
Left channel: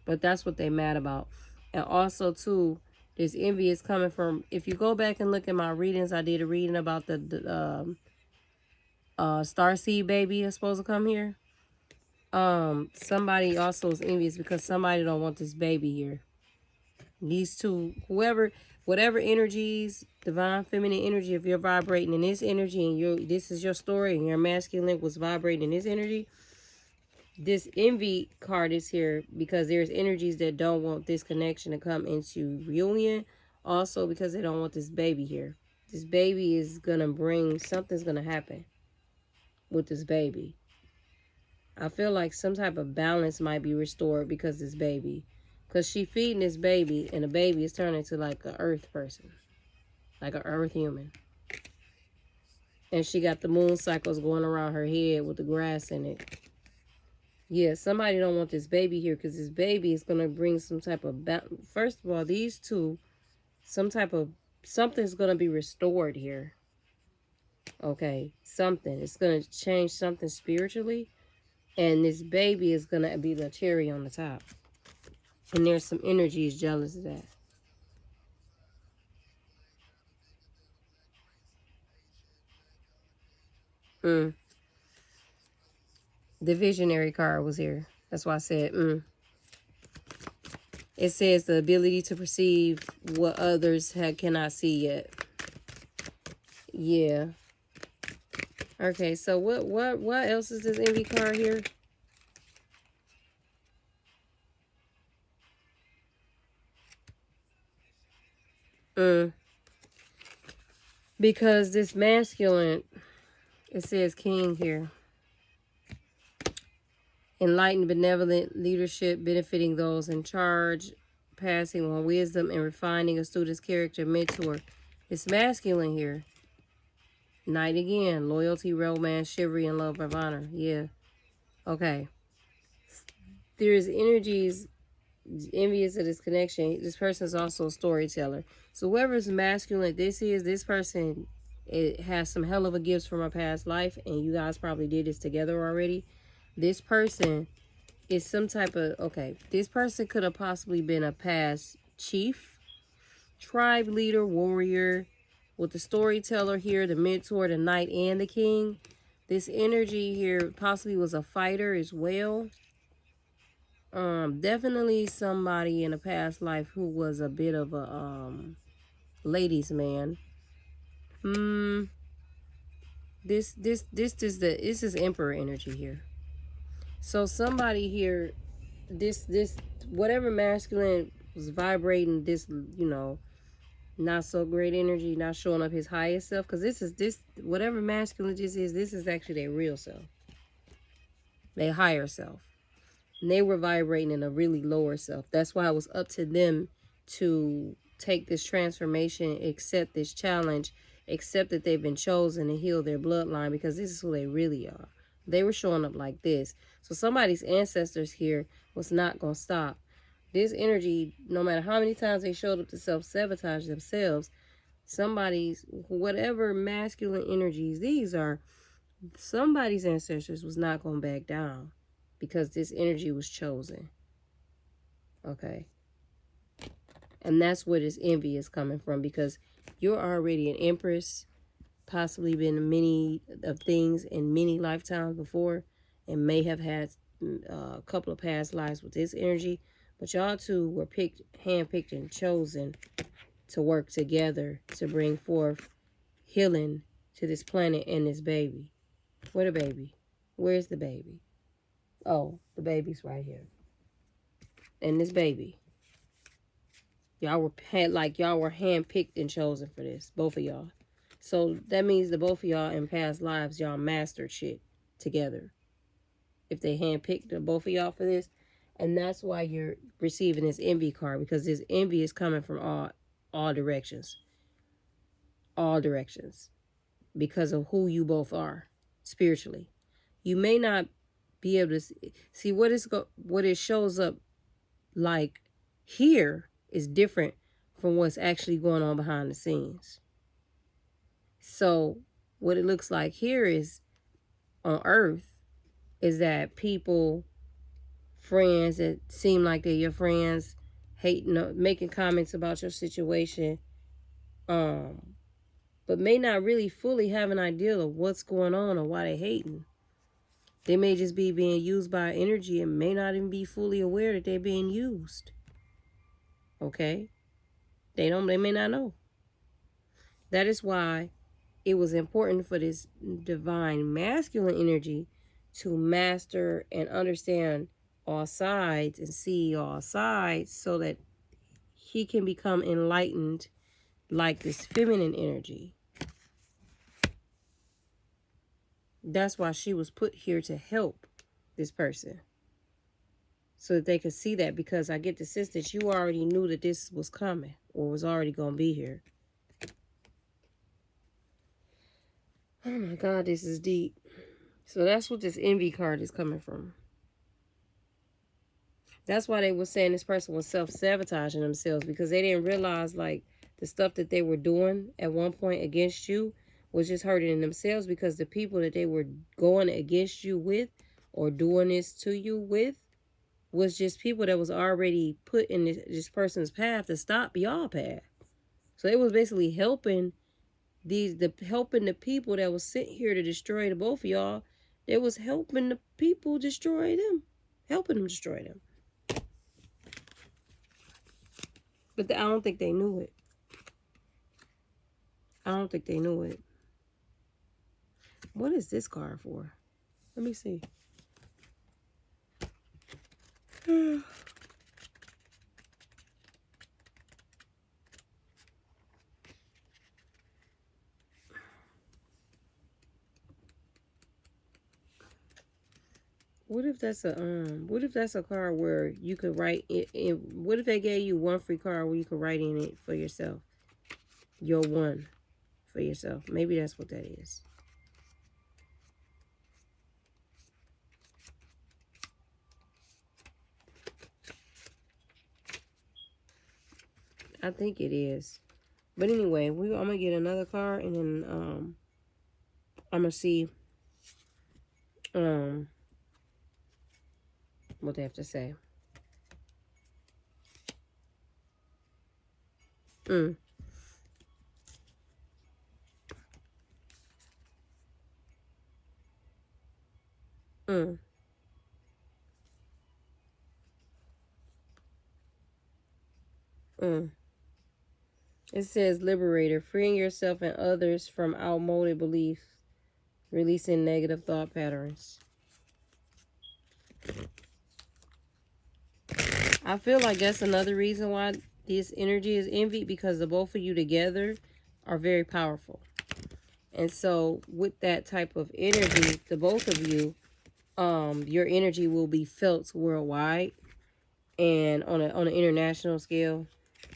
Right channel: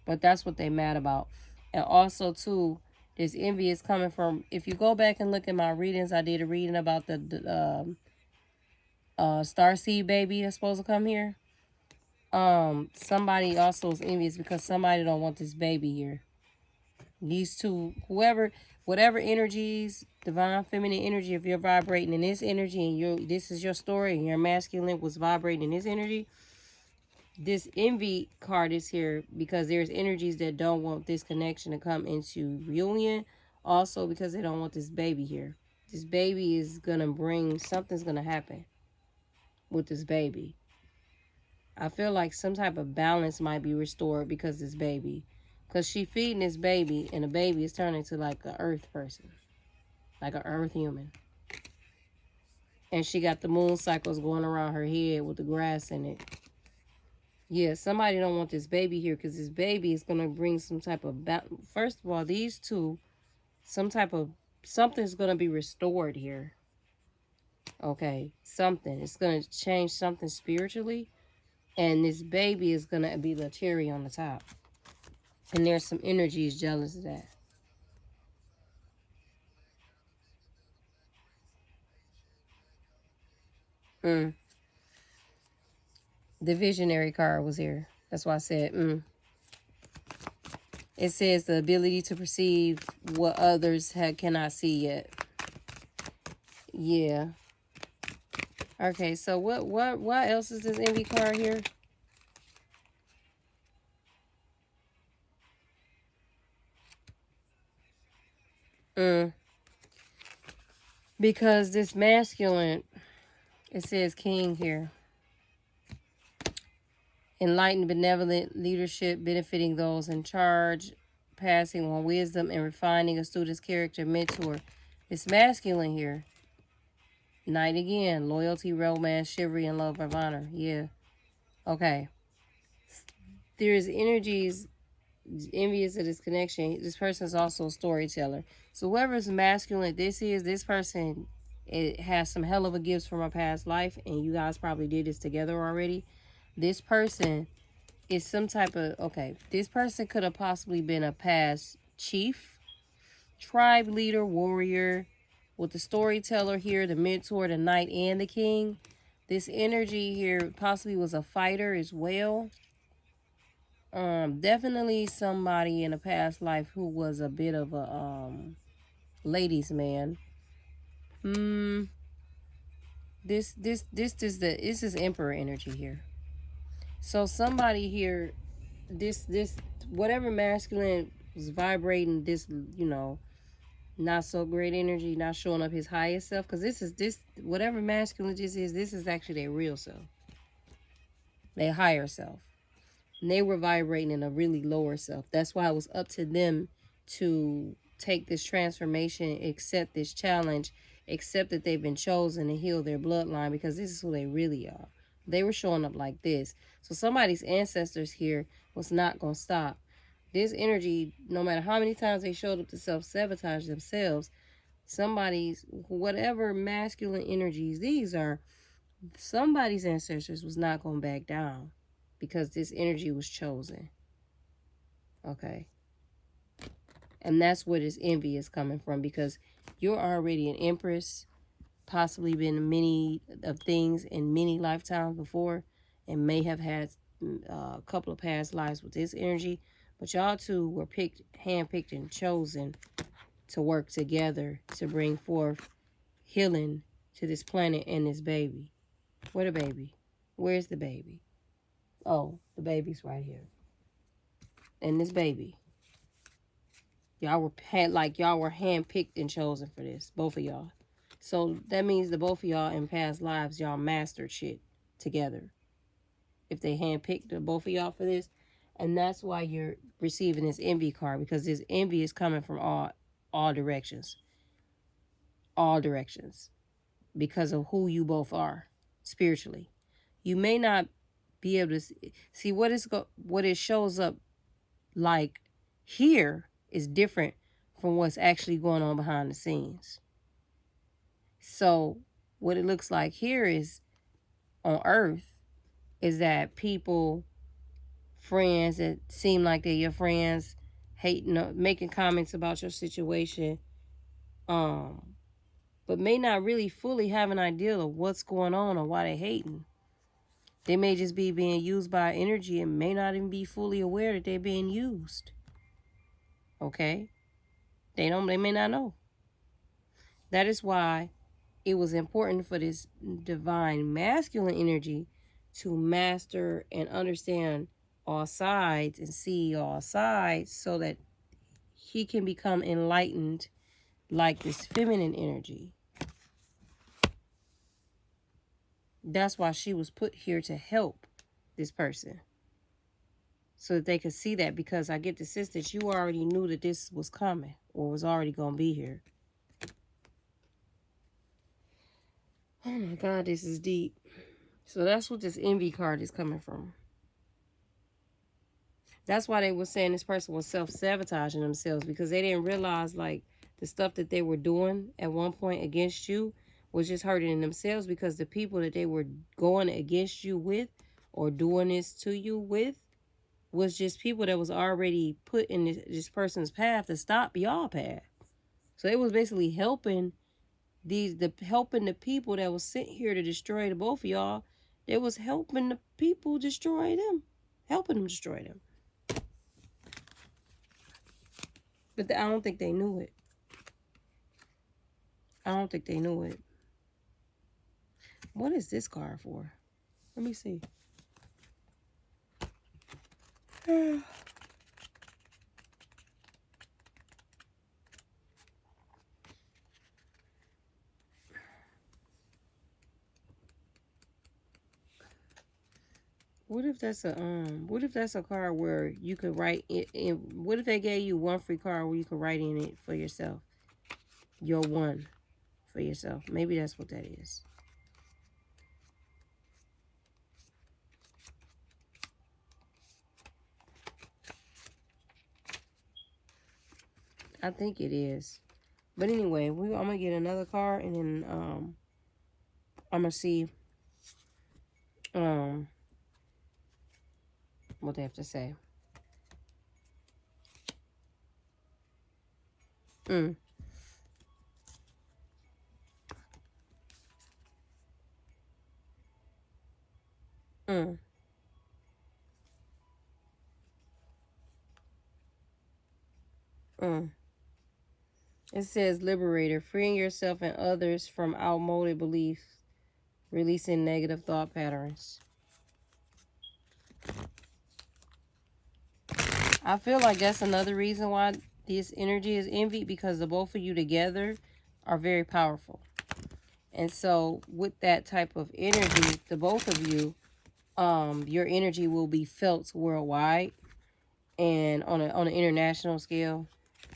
But that's what they mad about. And also too, this envy is coming from, if you go back and look at my readings, I did a reading about the starseed baby that's supposed to come here. Somebody also is envious because somebody don't want this baby here. These two, whatever energies, divine feminine energy, if you're vibrating in this energy and this is your story and your masculine was vibrating in this energy, this envy card is here because there's energies that don't want this connection to come into reunion. Also because they don't want this baby here. This baby is going to bring, something's going to happen with this baby. I feel like some type of balance might be restored because this baby. Because she feeding this baby and the baby is turning to like an earth person. Like an earth human. And she got the moon cycles going around her head with the grass in it. Yeah, somebody don't want this baby here because this baby is going to bring some type of... First of all, these two, something's going to be restored here. Okay, something. It's going to change something spiritually. And this baby is going to be the cherry on the top. And there's some energies jealous of that. Mm. The visionary card was here. That's why I said, It says the ability to perceive what others cannot see yet. Yeah. Okay, so what else is this envy card here? Because this masculine, it says king here. Enlightened, benevolent leadership, benefiting those in charge, passing on wisdom and refining a student's character, mentor. It's masculine here. Knight again, loyalty, romance, chivalry, and love of honor. Yeah. Okay. There's energies envious of this connection. This person is also a storyteller. So whoever's masculine this is, this person, it has some hell of a gifts from a past life, and you guys probably did this together already. This person is some type of, okay, this person could have possibly been a past chief, tribe leader, warrior, with the storyteller here, the mentor, the knight, and the king. This energy here possibly was a fighter as well. Definitely somebody in a past life who was a bit of a ladies man. This is emperor energy here. So somebody here, this whatever masculine was vibrating this, not so great energy, not showing up his highest self, because this whatever masculine this is actually their real self, their higher self. And they were vibrating in a really lower self. That's why it was up to them to take this transformation, accept this challenge, accept that they've been chosen to heal their bloodline, because this is who they really are. They were showing up like this. So somebody's ancestors here was not going to stop. This energy, no matter how many times they showed up to self-sabotage themselves, somebody's, whatever masculine energies these are, somebody's ancestors was not going to back down, because this energy was chosen. Okay. And that's where this envy is coming from, because you're already an empress, possibly been many of things in many lifetimes before, and may have had a couple of past lives with this energy. But y'all two were handpicked and chosen to work together to bring forth healing to this planet and this baby. Where the baby? Where's the baby? Oh, the baby's right here. And this baby. Y'all were handpicked and chosen for this. Both of y'all. So that means that both of y'all in past lives, y'all mastered shit together. If they handpicked both of y'all for this. And that's why you're receiving this envy card. Because this envy is coming from all directions. All directions. Because of who you both are spiritually. You may not be able to see what it shows up like here is different from what's actually going on behind the scenes. So what it looks like here is on Earth is that people, friends that seem like they're your friends, hating, making comments about your situation, but may not really fully have an idea of what's going on or why they're hating. They may just be being used by energy and may not even be fully aware that they're being used. Okay? They may not know. That is why it was important for this divine masculine energy to master and understand all sides and see all sides so that he can become enlightened like this feminine energy. That's why she was put here to help this person. So that they could see that, because I get the sense that you already knew that this was coming or was already going to be here. Oh my God, this is deep. So that's what this envy card is coming from. That's why they were saying this person was self-sabotaging themselves, because they didn't realize like the stuff that they were doing at one point against you was just hurting themselves, because the people that they were going against you with or doing this to you with was just people that was already put in this person's path to stop y'all path. So it was basically helping helping the people that was sent here to destroy the both of y'all. They was helping the people destroy them, helping them destroy them. But I don't think they knew it. I don't think they knew it. What is this card for? Let me see. What if that's a card where you could write it, what if they gave you one free card where you could write in it for yourself? Your one for yourself. Maybe that's what that is. I think it is. But anyway, I'm gonna get another card, and then I'm gonna see what they have to say. Mm. Mm. Mm. It says liberator, freeing yourself and others from outmoded beliefs, releasing negative thought patterns. I feel like that's another reason why this energy is envied, because the both of you together are very powerful. And so with that type of energy, the both of you, your energy will be felt worldwide and on an international scale.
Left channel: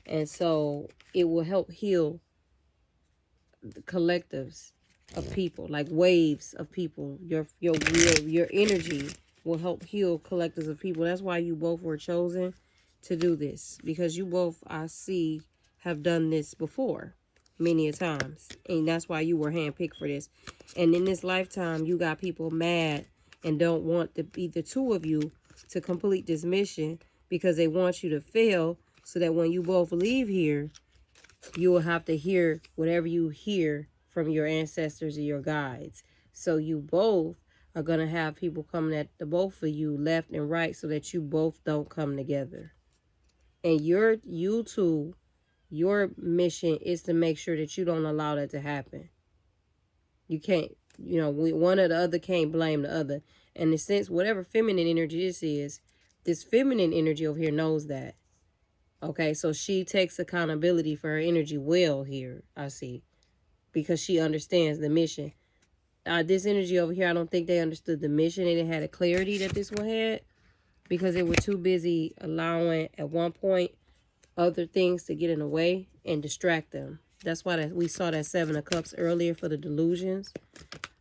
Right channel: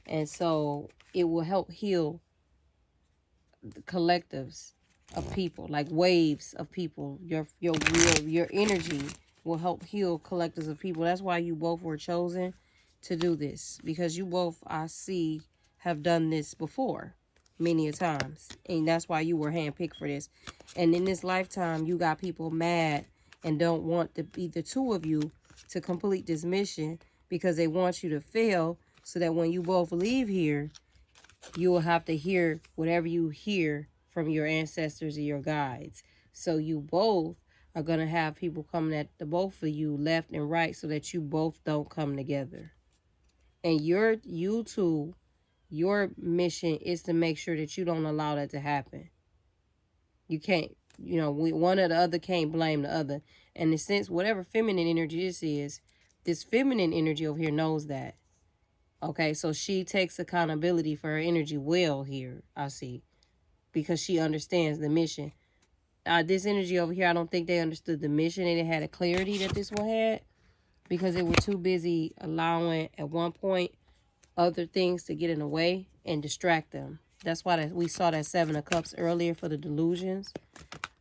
And so it will help heal the collectives of people, like waves of people. Your energy will help heal collectives of people. That's why you both were chosen to do this, because you both, I see, have done this before many a times, and that's why you were handpicked for this. And in this lifetime, you got people mad and don't want the two of you to complete this mission, because they want you to fail, so that when you both leave here, you will have to hear whatever you hear from your ancestors and your guides. So you both are going to have people coming at the both of you left and right, so that you both don't come together. And you two, your mission is to make sure that you don't allow that to happen. You can't, one or the other can't blame the other. And in a sense, whatever feminine energy this is, this feminine energy over here knows that. Okay, so she takes accountability for her energy well here, I see, because she understands the mission. This energy over here, I don't think they understood the mission, and it had a clarity that this one had, because they were too busy allowing, at one point, other things to get in the way and distract them. That's why we saw that Seven of Cups earlier for the delusions.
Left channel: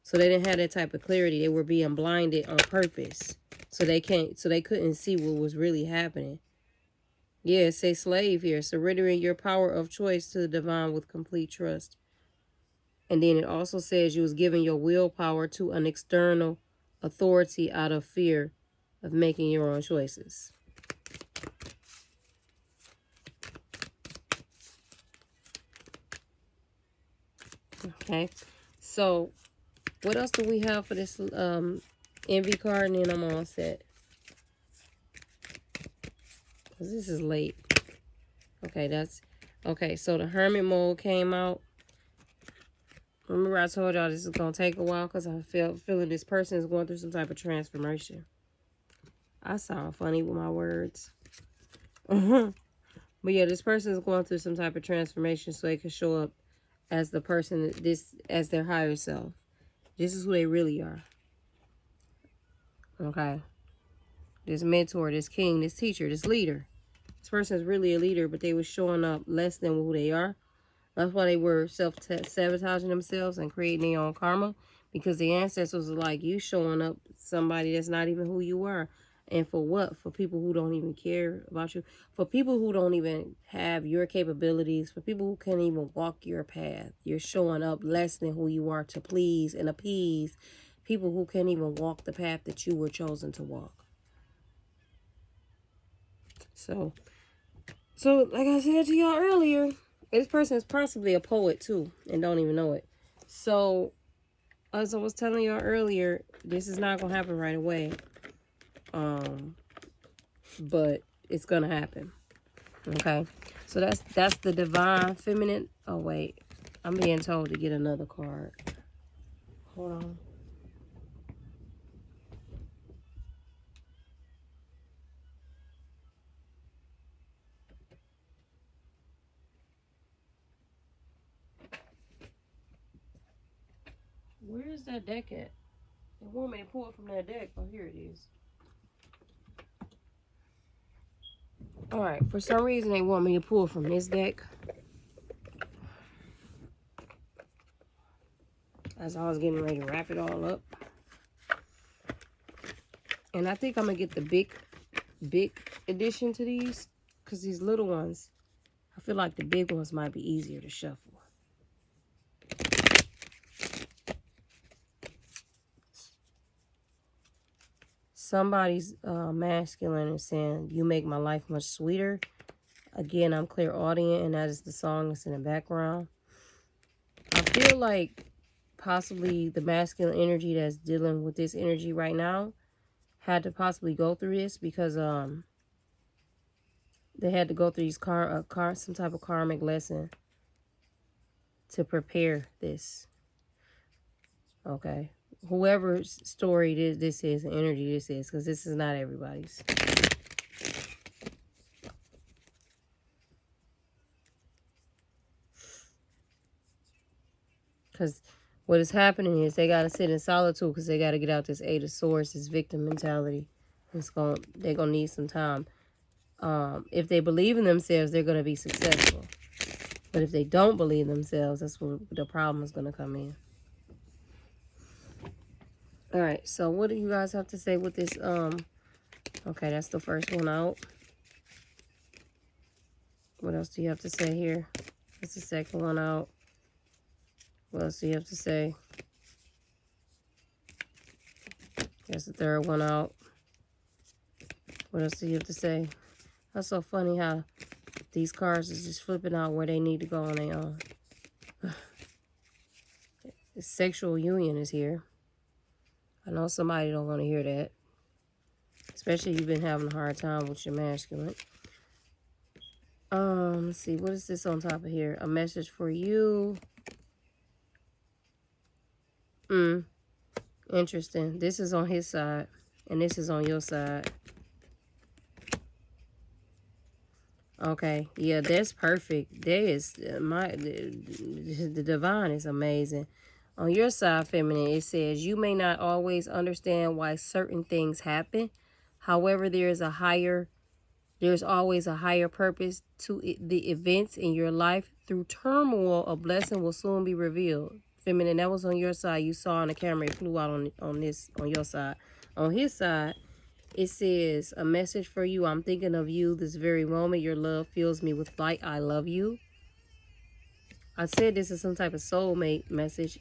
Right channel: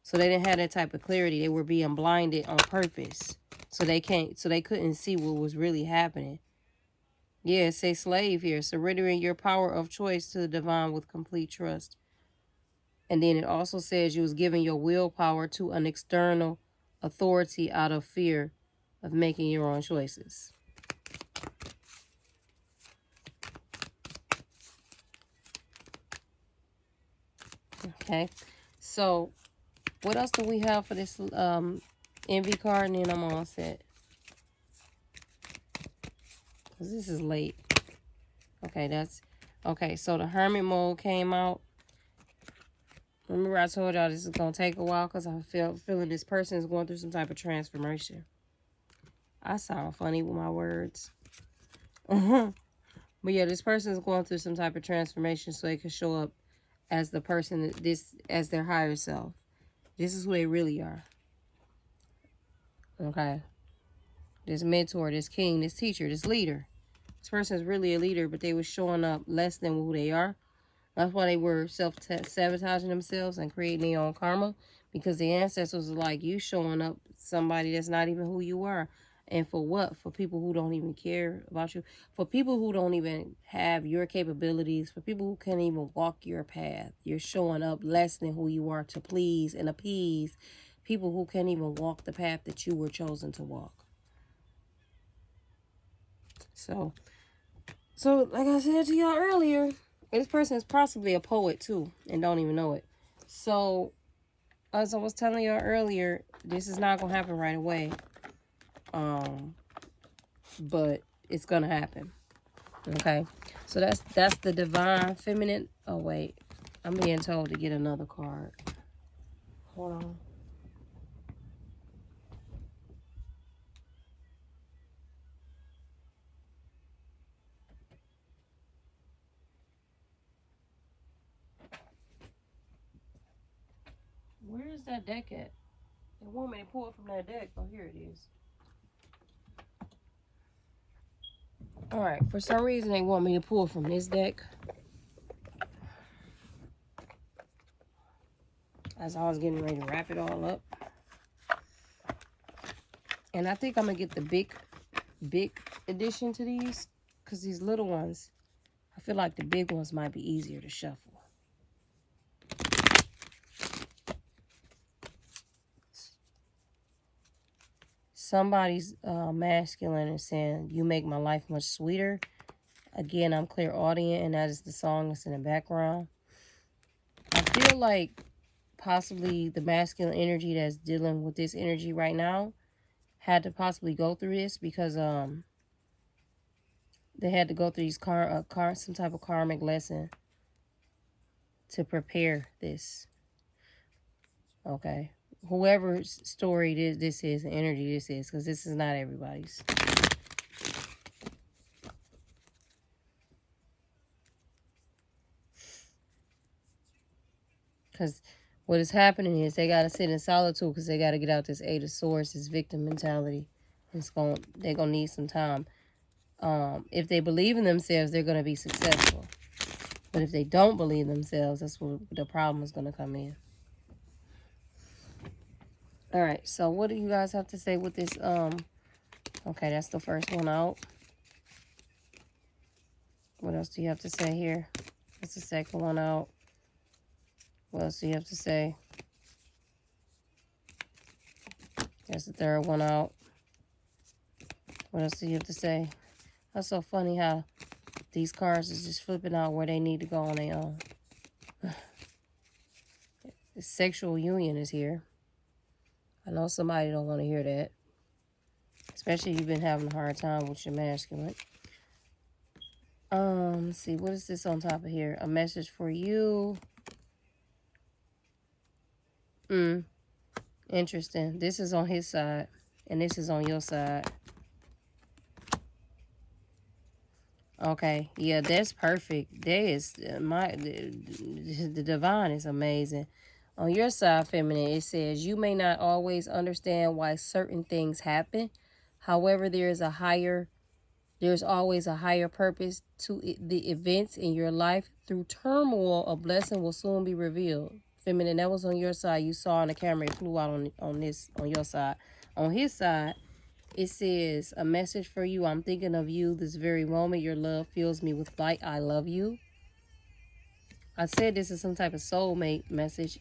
So they didn't have that type of clarity. They were being blinded on purpose. So they couldn't see what was really happening. Yeah, say slave here. Surrendering your power of choice to the divine with complete trust. And then it also says you was giving your willpower to an external authority out of fear of making your own choices. Okay, so what else do we have for this envy card? And then I'm all set, because this is late. Okay, so the Hermit mode came out. Remember I told y'all this is going to take a while, because I'm feeling this person is going through some type of transformation. I sound funny with my words. But yeah, this person is going through some type of transformation, so it can show up as the person, as their higher self. This is who they really are. Okay. This mentor, this king, this teacher, this leader. This person is really a leader, but they were showing up less than who they are. That's why they were self-sabotaging themselves and creating their own karma, because the ancestors were like, you showing up somebody that's not even who you are. And for what? For people who don't even care about you. For people who don't even have your capabilities. For people who can't even walk your path. You're showing up less than who you are to please and appease people who can't even walk the path that you were chosen to walk. So like I said to y'all earlier, this person is possibly a poet too and don't even know it. So, as I was telling y'all earlier, this is not going to happen right away. But it's going to happen. Okay? So, that's the divine feminine. Oh, wait. I'm being told to get another card. Hold on. Where is that deck at? They want me to pull it from that deck. Oh, here it is. Alright, for some reason they want me to pull from this deck. As I was getting ready to wrap it all up. And I think I'm going to get the big addition to these. Because these little ones, I feel like the big ones might be easier to shuffle. Somebody's masculine is saying, you make my life much sweeter. Again, I'm clairaudient, and that is the song that's in the background. I feel like possibly the masculine energy that's dealing with this energy right now had to possibly go through this because they had to go through these some type of karmic lesson to prepare this. Okay. Whoever's story this is, and energy this is, because this is not everybody's. Because what is happening is they got to sit in solitude because they got to get out this Eight of Swords, this victim mentality. They're going to need some time. If they believe in themselves, they're going to be successful. But if they don't believe themselves, that's where the problem is going to come in. All right, so what do you guys have to say with this? Okay, that's the first one out. What else do you have to say here? That's the second one out. What else do you have to say? That's the third one out. What else do you have to say? That's so funny how these cards is just flipping out where they need to go on their own. The sexual union is here. I know somebody don't want to hear that. Especially if you've been having a hard time with your masculine. Let's see. What is this on top of here? A message for you. Interesting. This is on his side. And this is on your side. Okay. Yeah, that's perfect. That is the divine is amazing. On your side, feminine, it says, you may not always understand why certain things happen. However, there's always a higher purpose to the events in your life. Through turmoil, a blessing will soon be revealed. Feminine, that was on your side. You saw on the camera, it flew out on your side. On his side, it says, a message for you. I'm thinking of you this very moment. Your love fills me with light. I love you. I said this is some type of soulmate message.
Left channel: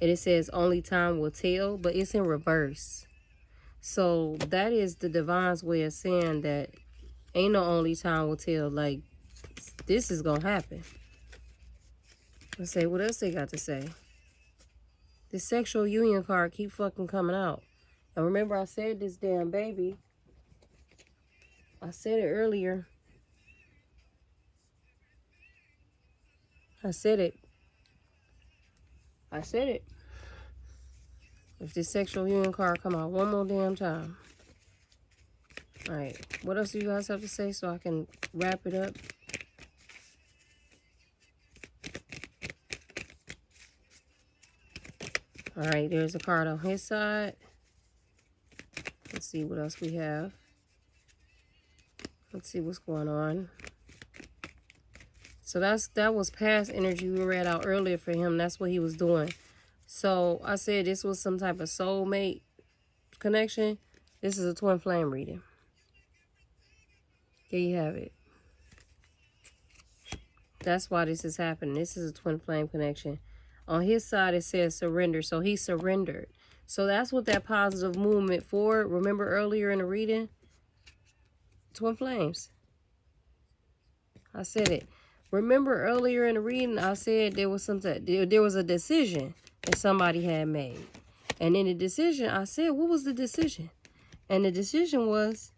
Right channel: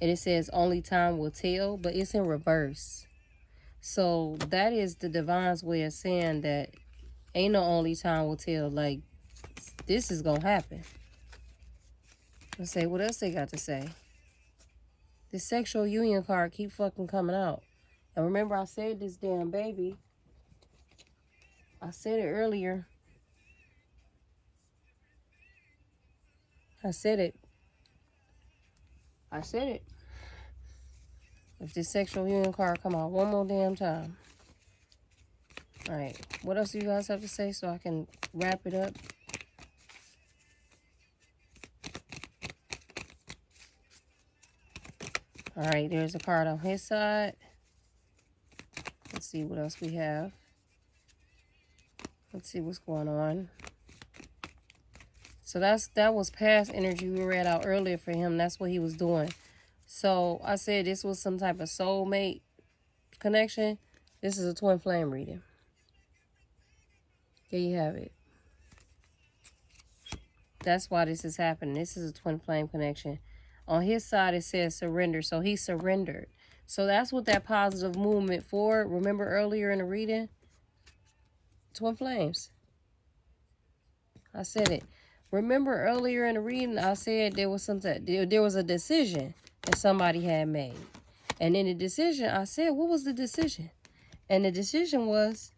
And it says, only time will tell, but it's in reverse. So that is the divine's way of saying that ain't no only time will tell. Like, this is going to happen. Let's say, what else they got to say? This sexual union card keep fucking coming out. And remember, I said this damn baby. I said it earlier. I said it. If this sexual union card come out one more damn time. All right. What else do you guys have to say so I can wrap it up? All right. There's a card on his side. Let's see what else we have. Let's see what's going on. So that was past energy we read out earlier for him. That's what he was doing. So I said this was some type of soulmate connection. This is a twin flame reading. There you have it. That's why this is happening. This is a twin flame connection. On his side, it says surrender. So he surrendered. So that's what that positive movement for. Remember earlier in the reading? Twin flames. I said it. Remember earlier in the reading, I said there was a decision that somebody had made. And in the decision, I said, what was the decision? And the decision was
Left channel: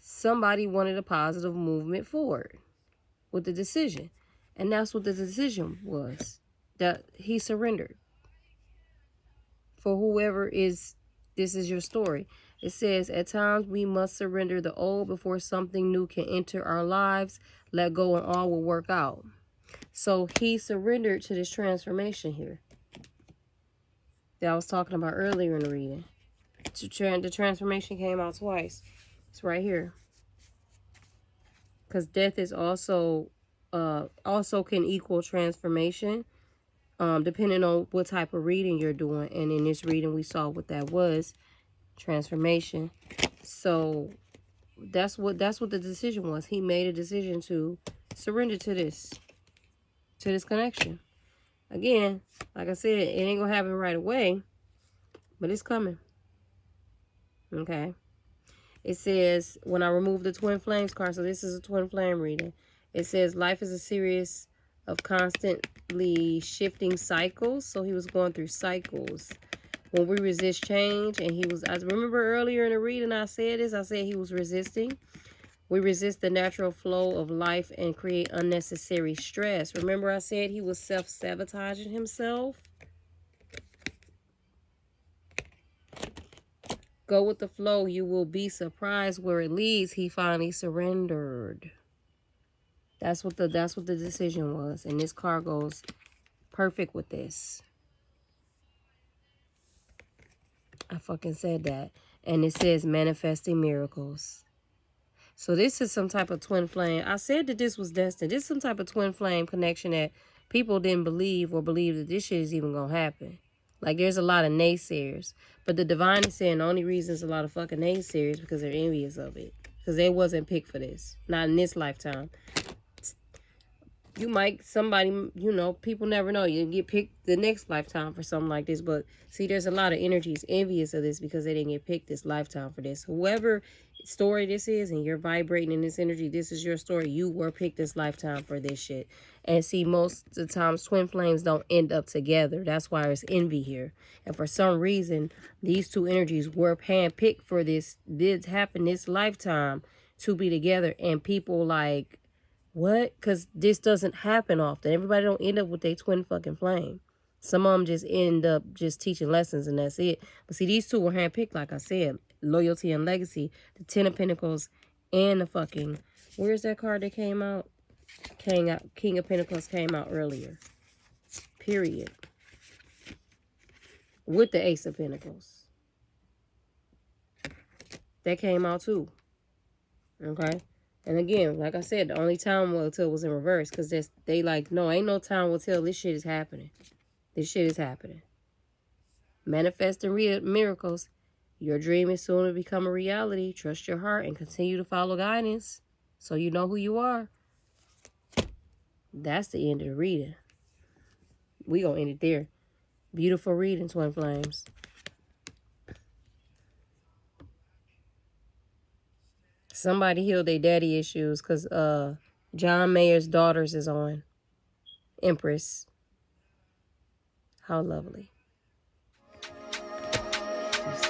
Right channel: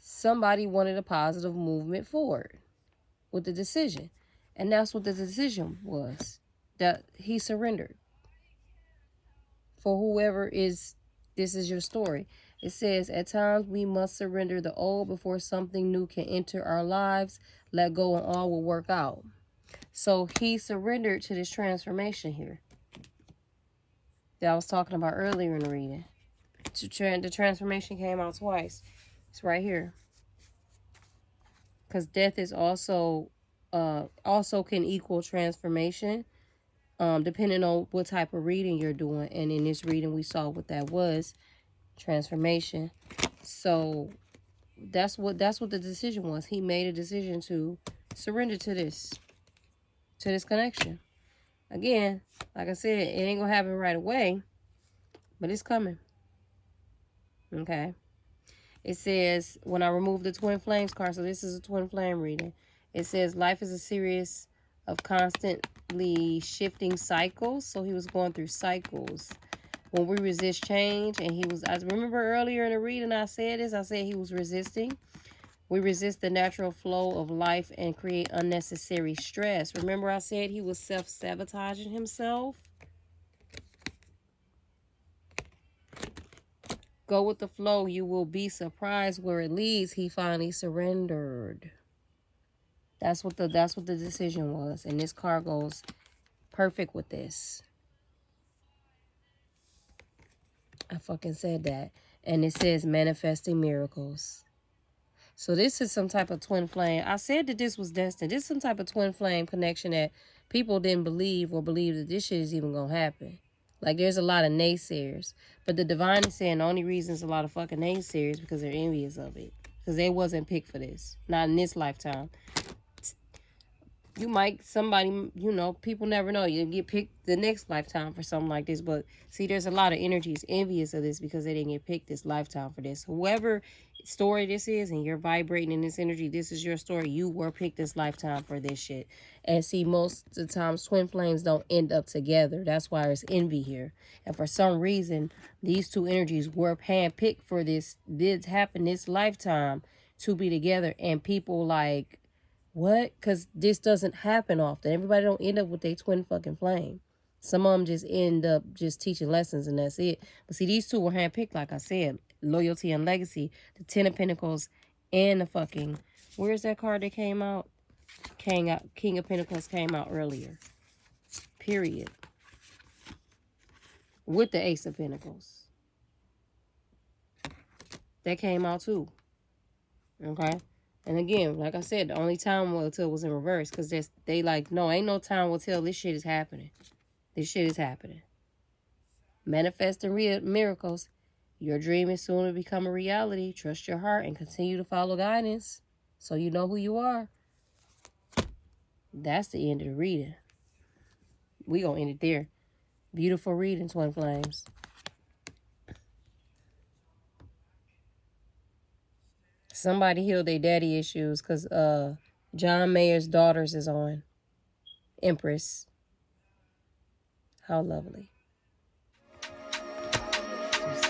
somebody wanted a positive movement forward with the decision. And that's what the decision was. That he surrendered. For whoever is, this is your story. It says, at times we must surrender the old before something new can enter our lives. Let go and all will work out. So he surrendered to this transformation here that I was talking about earlier in the reading. The transformation came out twice. It's right here. Because death is also can equal transformation, depending on what type of reading you're doing. And in this reading, we saw what that was. Transformation. So that's what the decision was. He made a decision to surrender to this connection. Again, like I said, it ain't gonna happen right away, but it's coming. Okay. It says, when I remove the twin flames card, so this is a twin flame reading. It says life is a series of constantly shifting cycles. So he was going through cycles. When we resist change, and I remember earlier in the reading I said this, I said he was resisting. We resist the natural flow of life and create unnecessary stress. Remember I said he was self-sabotaging himself? Go with the flow. You will be surprised where it leads. He finally surrendered. That's what the decision was. And this card goes perfect with this. I fucking said that. And it says manifesting miracles. So this is some type of twin flame. I said that this was destined. This is some type of twin flame connection that people didn't believe or believe that this shit is even going to happen. Like, there's a lot of naysayers. But the divine is saying the only reason there's a lot of fucking naysayers because they're envious of it. Because they wasn't picked for this. Not in this lifetime. You might, somebody, you know, people never know. You get picked the next lifetime for something like this. But see, there's a lot of energies envious of this because they didn't get picked this lifetime for this. Whoever story this is and you're vibrating in this energy, this is your story. You were picked this lifetime for this shit. And see, most of the times twin flames don't end up together. That's why there's envy here. And for some reason, these two energies were handpicked for this. Did happen this lifetime to be together. And people like, what? Because this doesn't happen often. Everybody don't end up with their twin fucking flame. Some of them just end up just teaching lessons and that's it. But see, these two were handpicked, like I said. Loyalty and legacy. The 10 of Pentacles and the fucking... Where's that card that came out? King of Pentacles came out earlier. Period. With the Ace of Pentacles. That came out too. Okay? And again, like I said, the only time will tell was in reverse. Because they like, no, ain't no time will tell. This shit is happening. This shit is happening. Manifesting miracles. Your dream is soon to become a reality. Trust your heart and continue to follow guidance. So you know who you are. That's the end of the reading. We gonna end it there. Beautiful reading, Twin Flames. Somebody healed their daddy issues because John Mayer's daughters is on. Empress. How lovely. Just